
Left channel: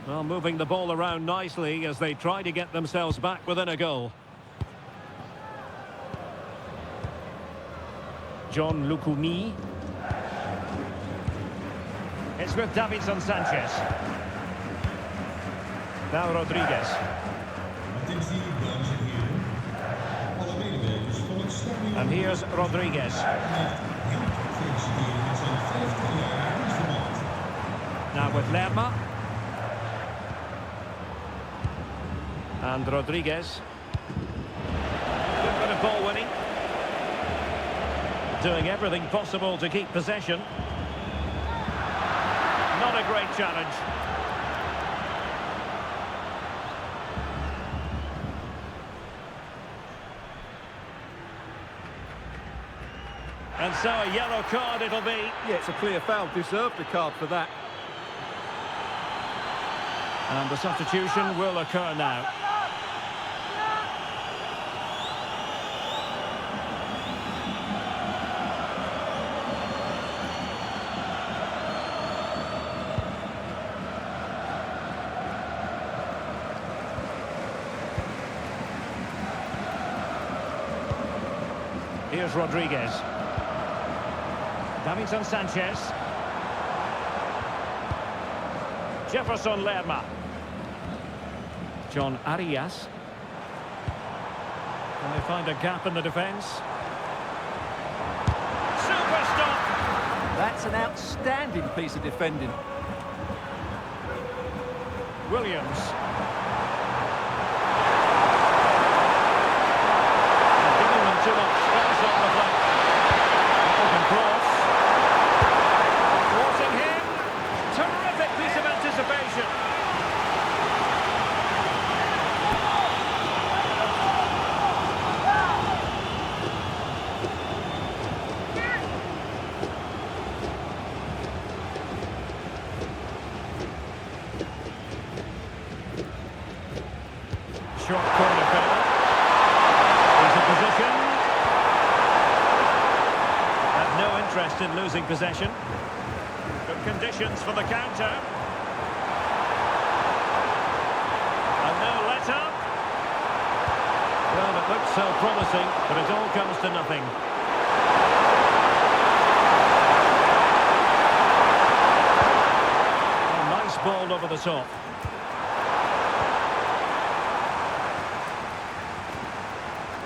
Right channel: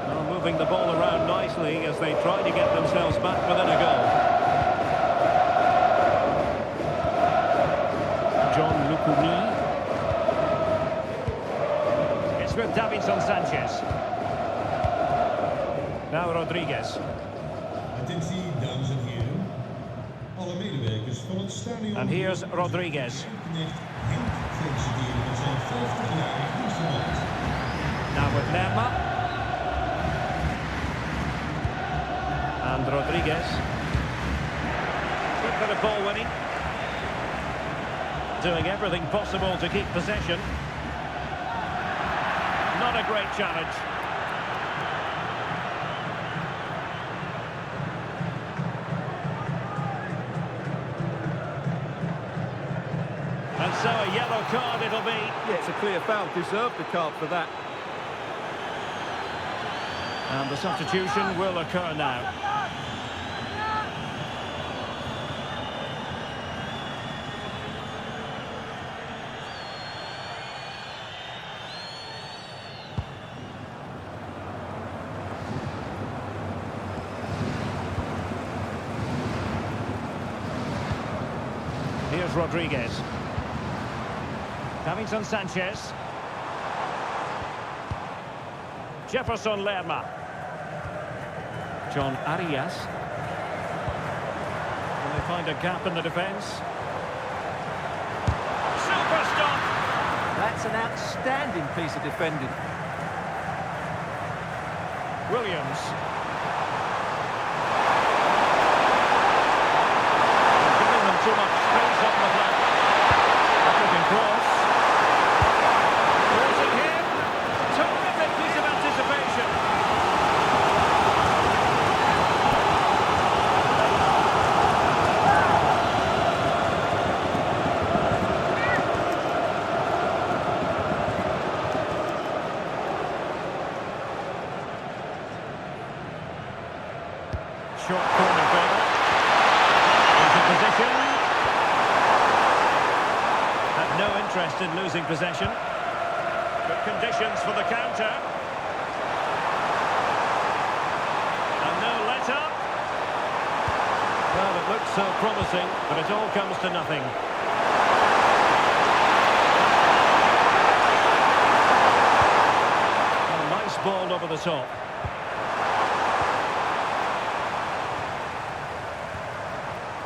Well, moving the ball around nicely as they try to get themselves back within a goal. John Lukumi. It's with Davinson Sanchez. Now Rodriguez. Attentie, dames en heren. Alle medewerkers van het stadion. And here's Rodriguez. Met Henk feliciteren met zijn 50-jarig dienstverband. Now with Lerma. And Rodriguez. Good bit of ball winning. Doing everything possible to keep possession. Not a great challenge. And so a yellow card it'll be. Yeah, it's a clear foul. Deserved a card for that. And the substitution will occur now. Here's Rodriguez. Davinson Sanchez. Jefferson Lerma. John Arias. And they find a gap in the defence. Super stop! That's an outstanding piece of defending. Williams. Giving them too much space on the flank. Looking cross. Thwarting him. Terrific piece of anticipation. short corner favour. He's in position. Had no interest in losing possession. Good conditions for the counter. And no let-up. Well, it looked so promising, but it all comes to nothing. A nice ball over the top.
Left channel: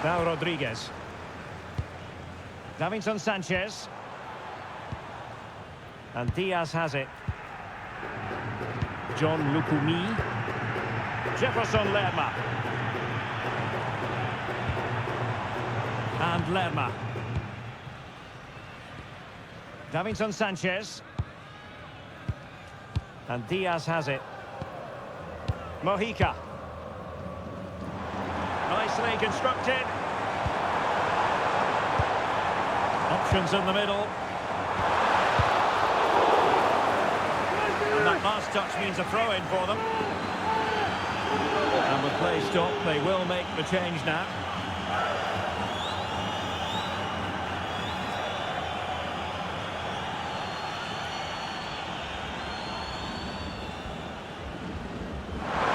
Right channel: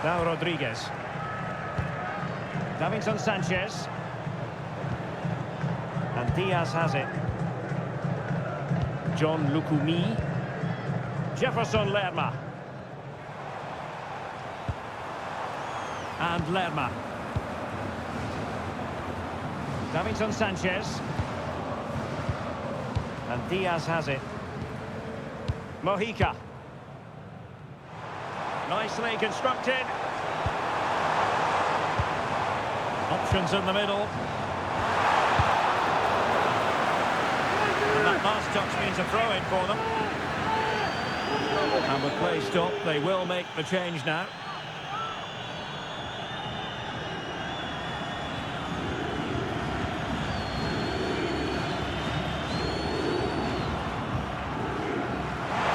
Now Rodriguez. Davinson Sanchez. And Diaz has it. John Lukumi. Jefferson Lerma. And Lerma. Davinson Sanchez. And Diaz has it. Mojica. Nicely constructed. Options in the middle. And that last touch means a throw-in for them. And with play stopped, they will make the change now.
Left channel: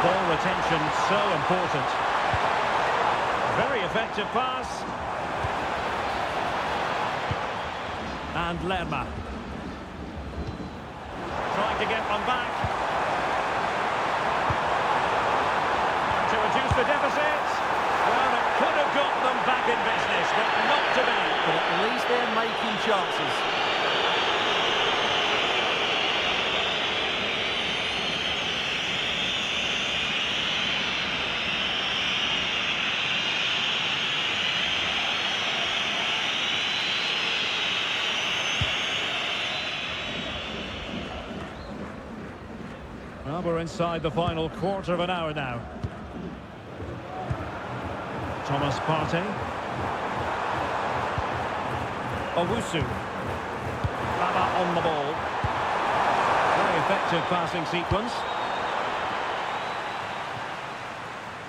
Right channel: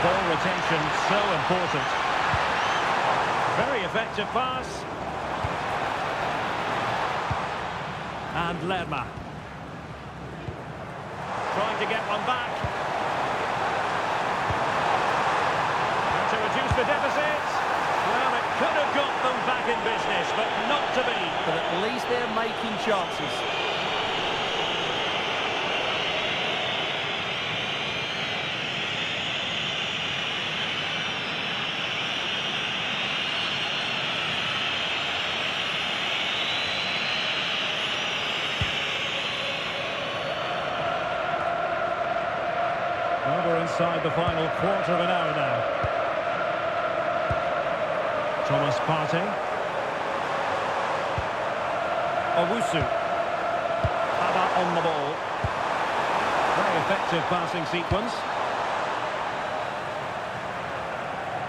Ball retention, so important. Very effective pass. And Lerma. Trying to get one back. And to reduce the deficit. Well, it could have got them back in business, but not to be. But at least they're making chances. Well, we're inside the final quarter of an hour now. Thomas Partey. Owusu. Baba on the ball. Very effective passing sequence.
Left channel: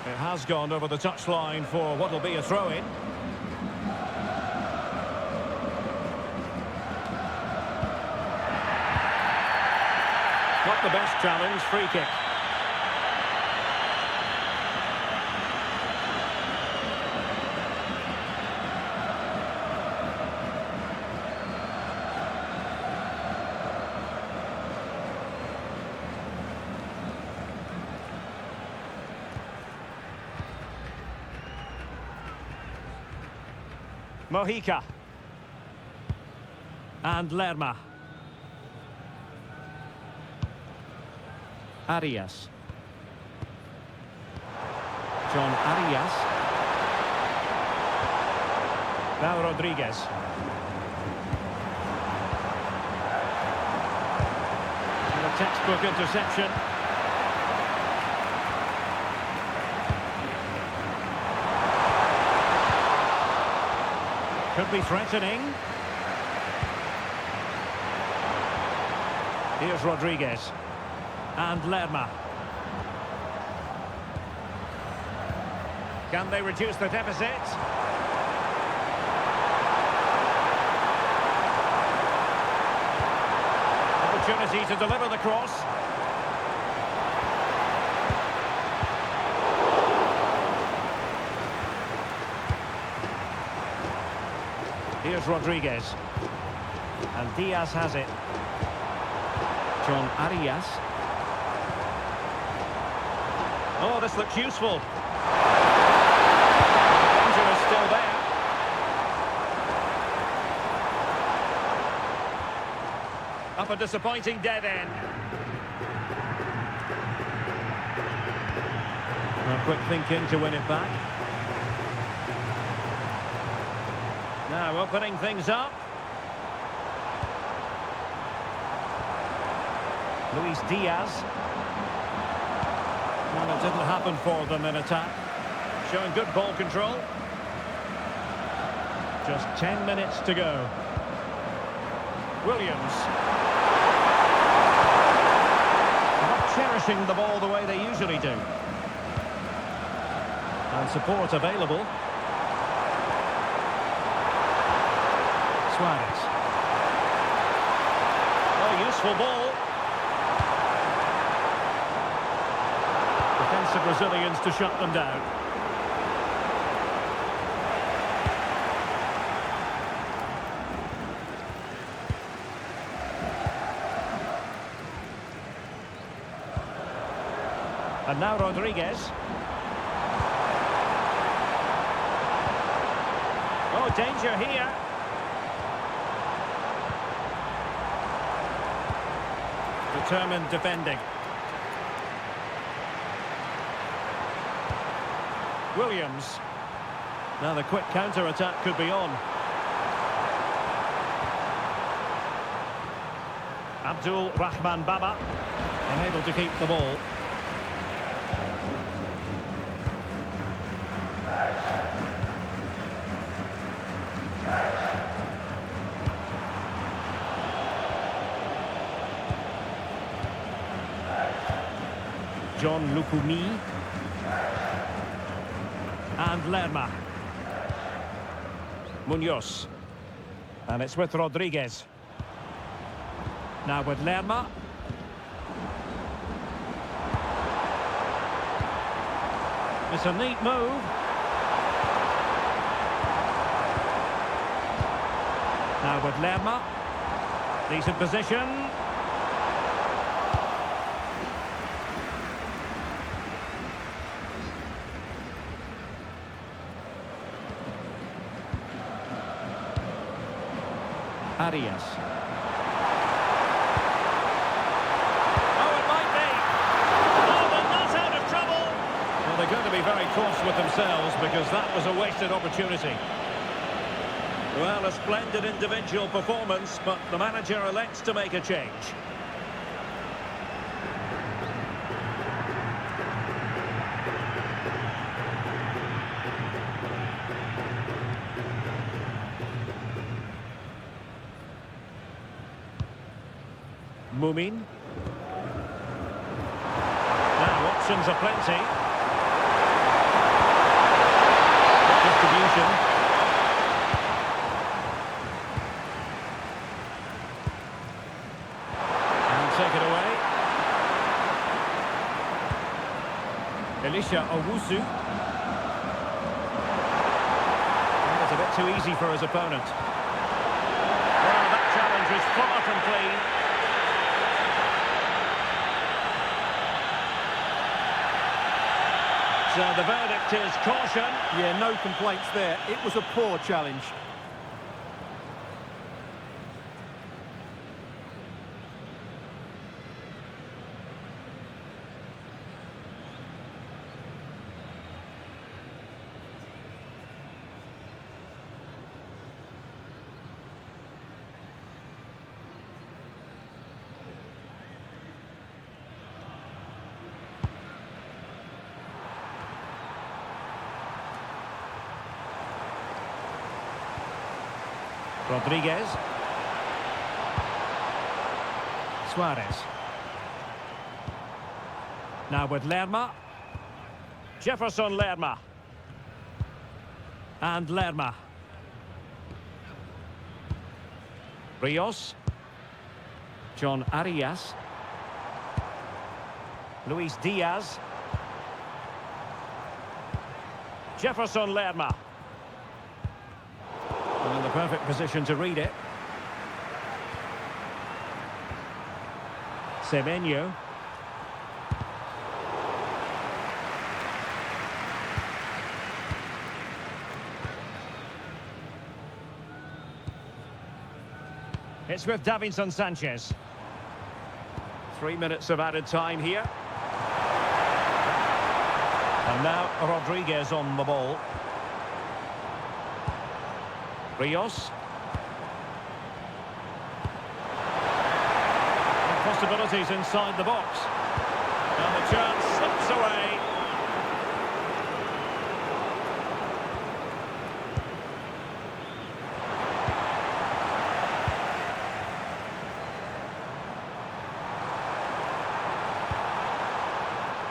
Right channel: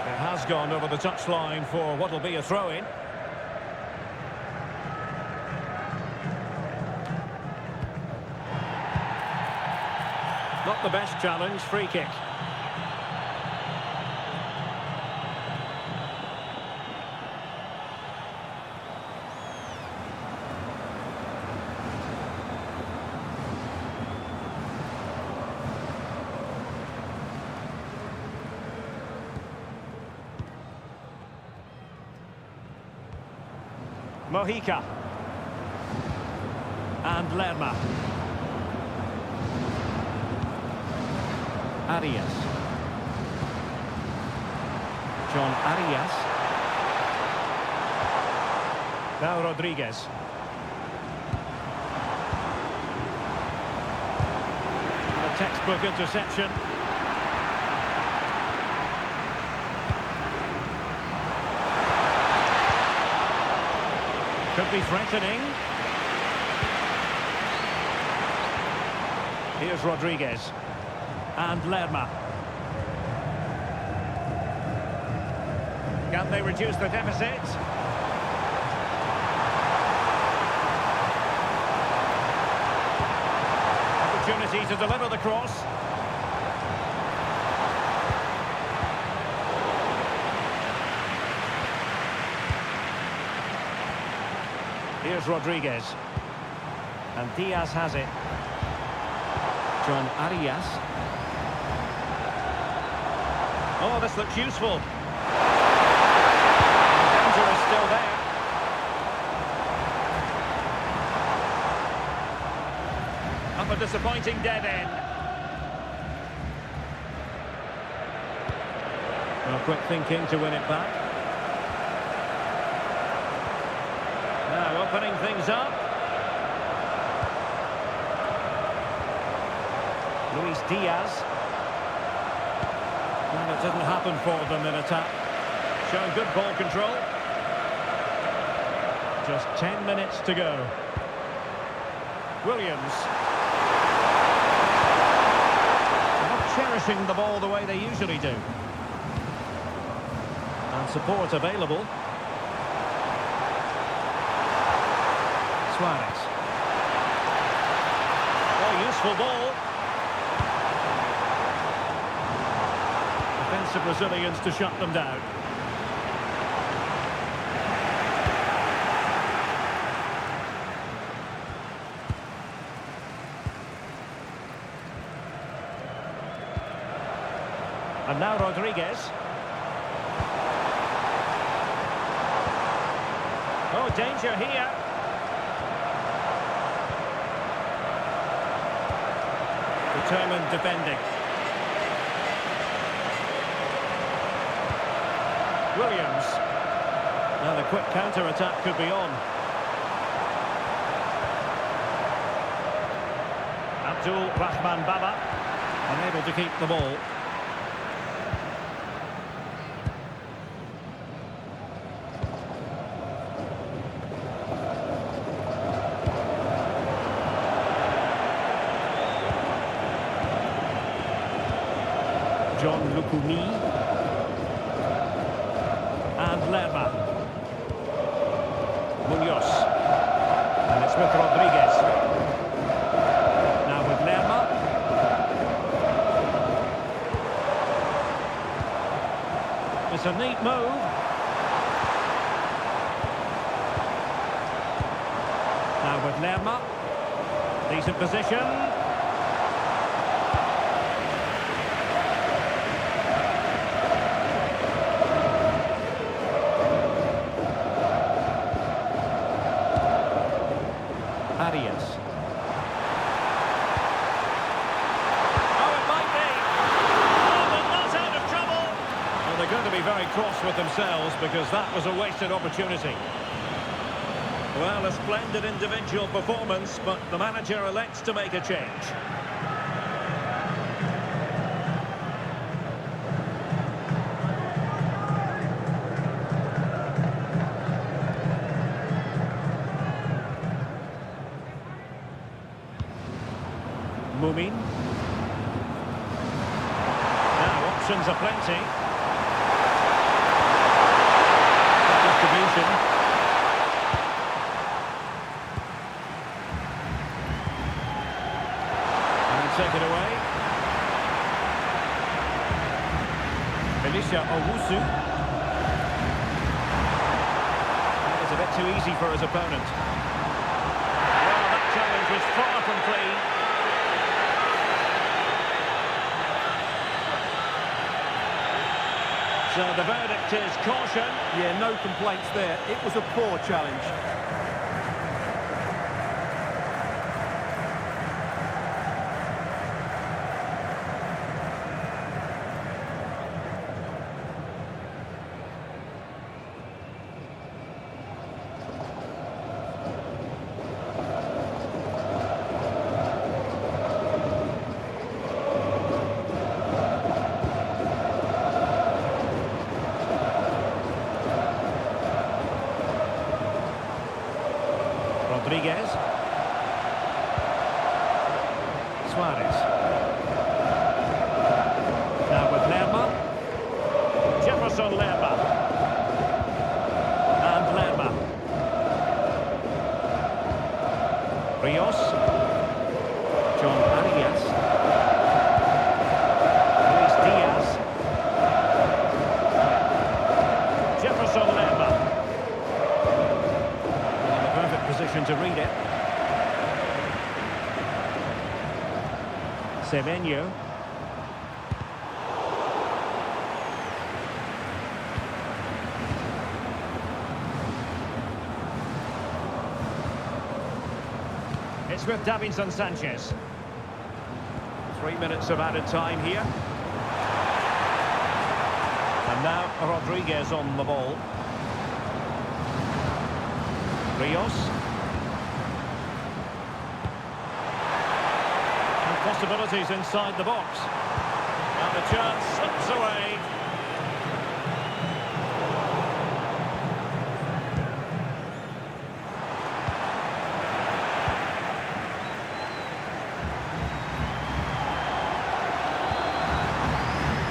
It has gone over the touchline for what will be a throw-in. Not the best challenge, free kick. Mojica. And Lerma. Arias. John Arias. Now Rodriguez. And a textbook interception. Could be threatening. Here's Rodriguez. And Lerma. Can they reduce the deficit? Opportunity to deliver the cross. Here's Rodriguez. And Diaz has it. John Arias. Oh, this looks useful. The danger is still there. Up a disappointing dead end. Well, quick thinking to win it back. Now opening things up. Luis Diaz. Well, it didn't happen for them in attack. Showing good ball control. Just 10 minutes to go. Williams. Not cherishing the ball the way they usually do. And support available. Suarez. Oh, useful ball. Defensive Brazilians to shut them down. And now Rodriguez. Oh, danger here. Determined defending. Williams. Now the quick counter-attack could be on. Abdul Rahman Baba, unable to keep the ball. John Lukumi. And Lerma. Munoz. And it's with Rodriguez. Now with Lerma. It's a neat move. Now with Lerma. Decent position. Arias. Oh, it might be. Oh, they're not out of trouble. Well, they're going to be very cross with themselves because that was a wasted opportunity. Well, a splendid individual performance, but the manager elects to make a change. Mumin. Now, options are plenty. Good distribution. And take it away. Elisha Owusu. That was a bit too easy for his opponent. Well, that challenge was far from clean. So the verdict is caution. Yeah, no complaints there. It was a poor challenge. Rodriguez. Suarez. Now with Lerma. Jefferson Lerma. And Lerma. Rios. John Arias. Luis Diaz. Jefferson Lerma. In the perfect position to read it. Semenyo. It's with Davinson Sanchez. 3 minutes of added time here. And now Rodriguez on the ball. Rios. And possibilities inside the box. And the chance slips away.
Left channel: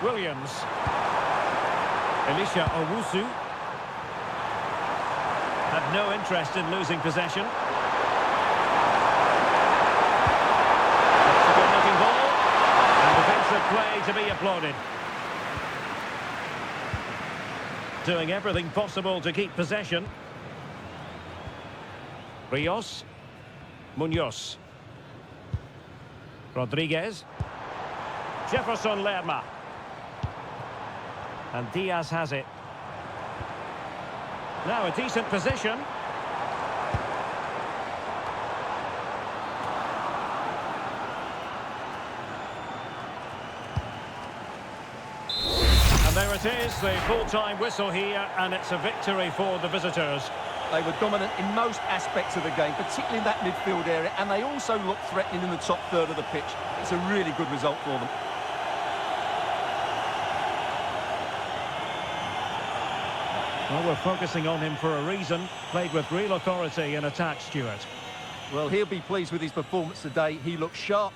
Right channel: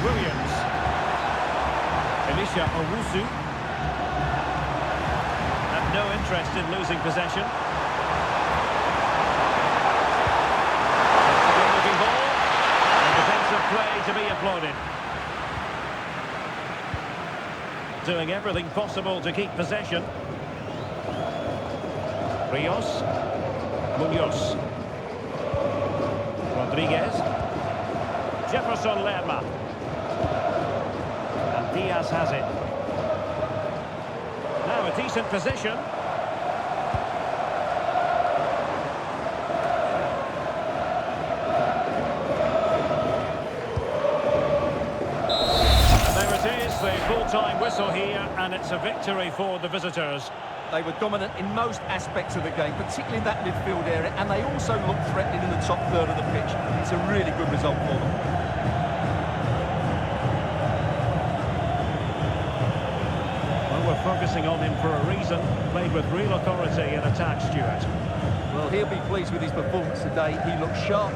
Williams. Elisha Owusu. Have no interest in losing possession. That's a good-looking ball. And defensive play to be applauded. Doing everything possible to keep possession. Rios. Munoz. Rodriguez. Jefferson Lerma. And Diaz has it. Now a decent position. And there it is, the full-time whistle here, and it's a victory for the visitors. They were dominant in most aspects of the game, particularly in that midfield area, and they also looked threatening in the top third of the pitch. It's a really good result for them. Well, we're focusing on him for a reason. Played with real authority in attack, Stuart. Well, he'll be pleased with his performance today. He looked sharp.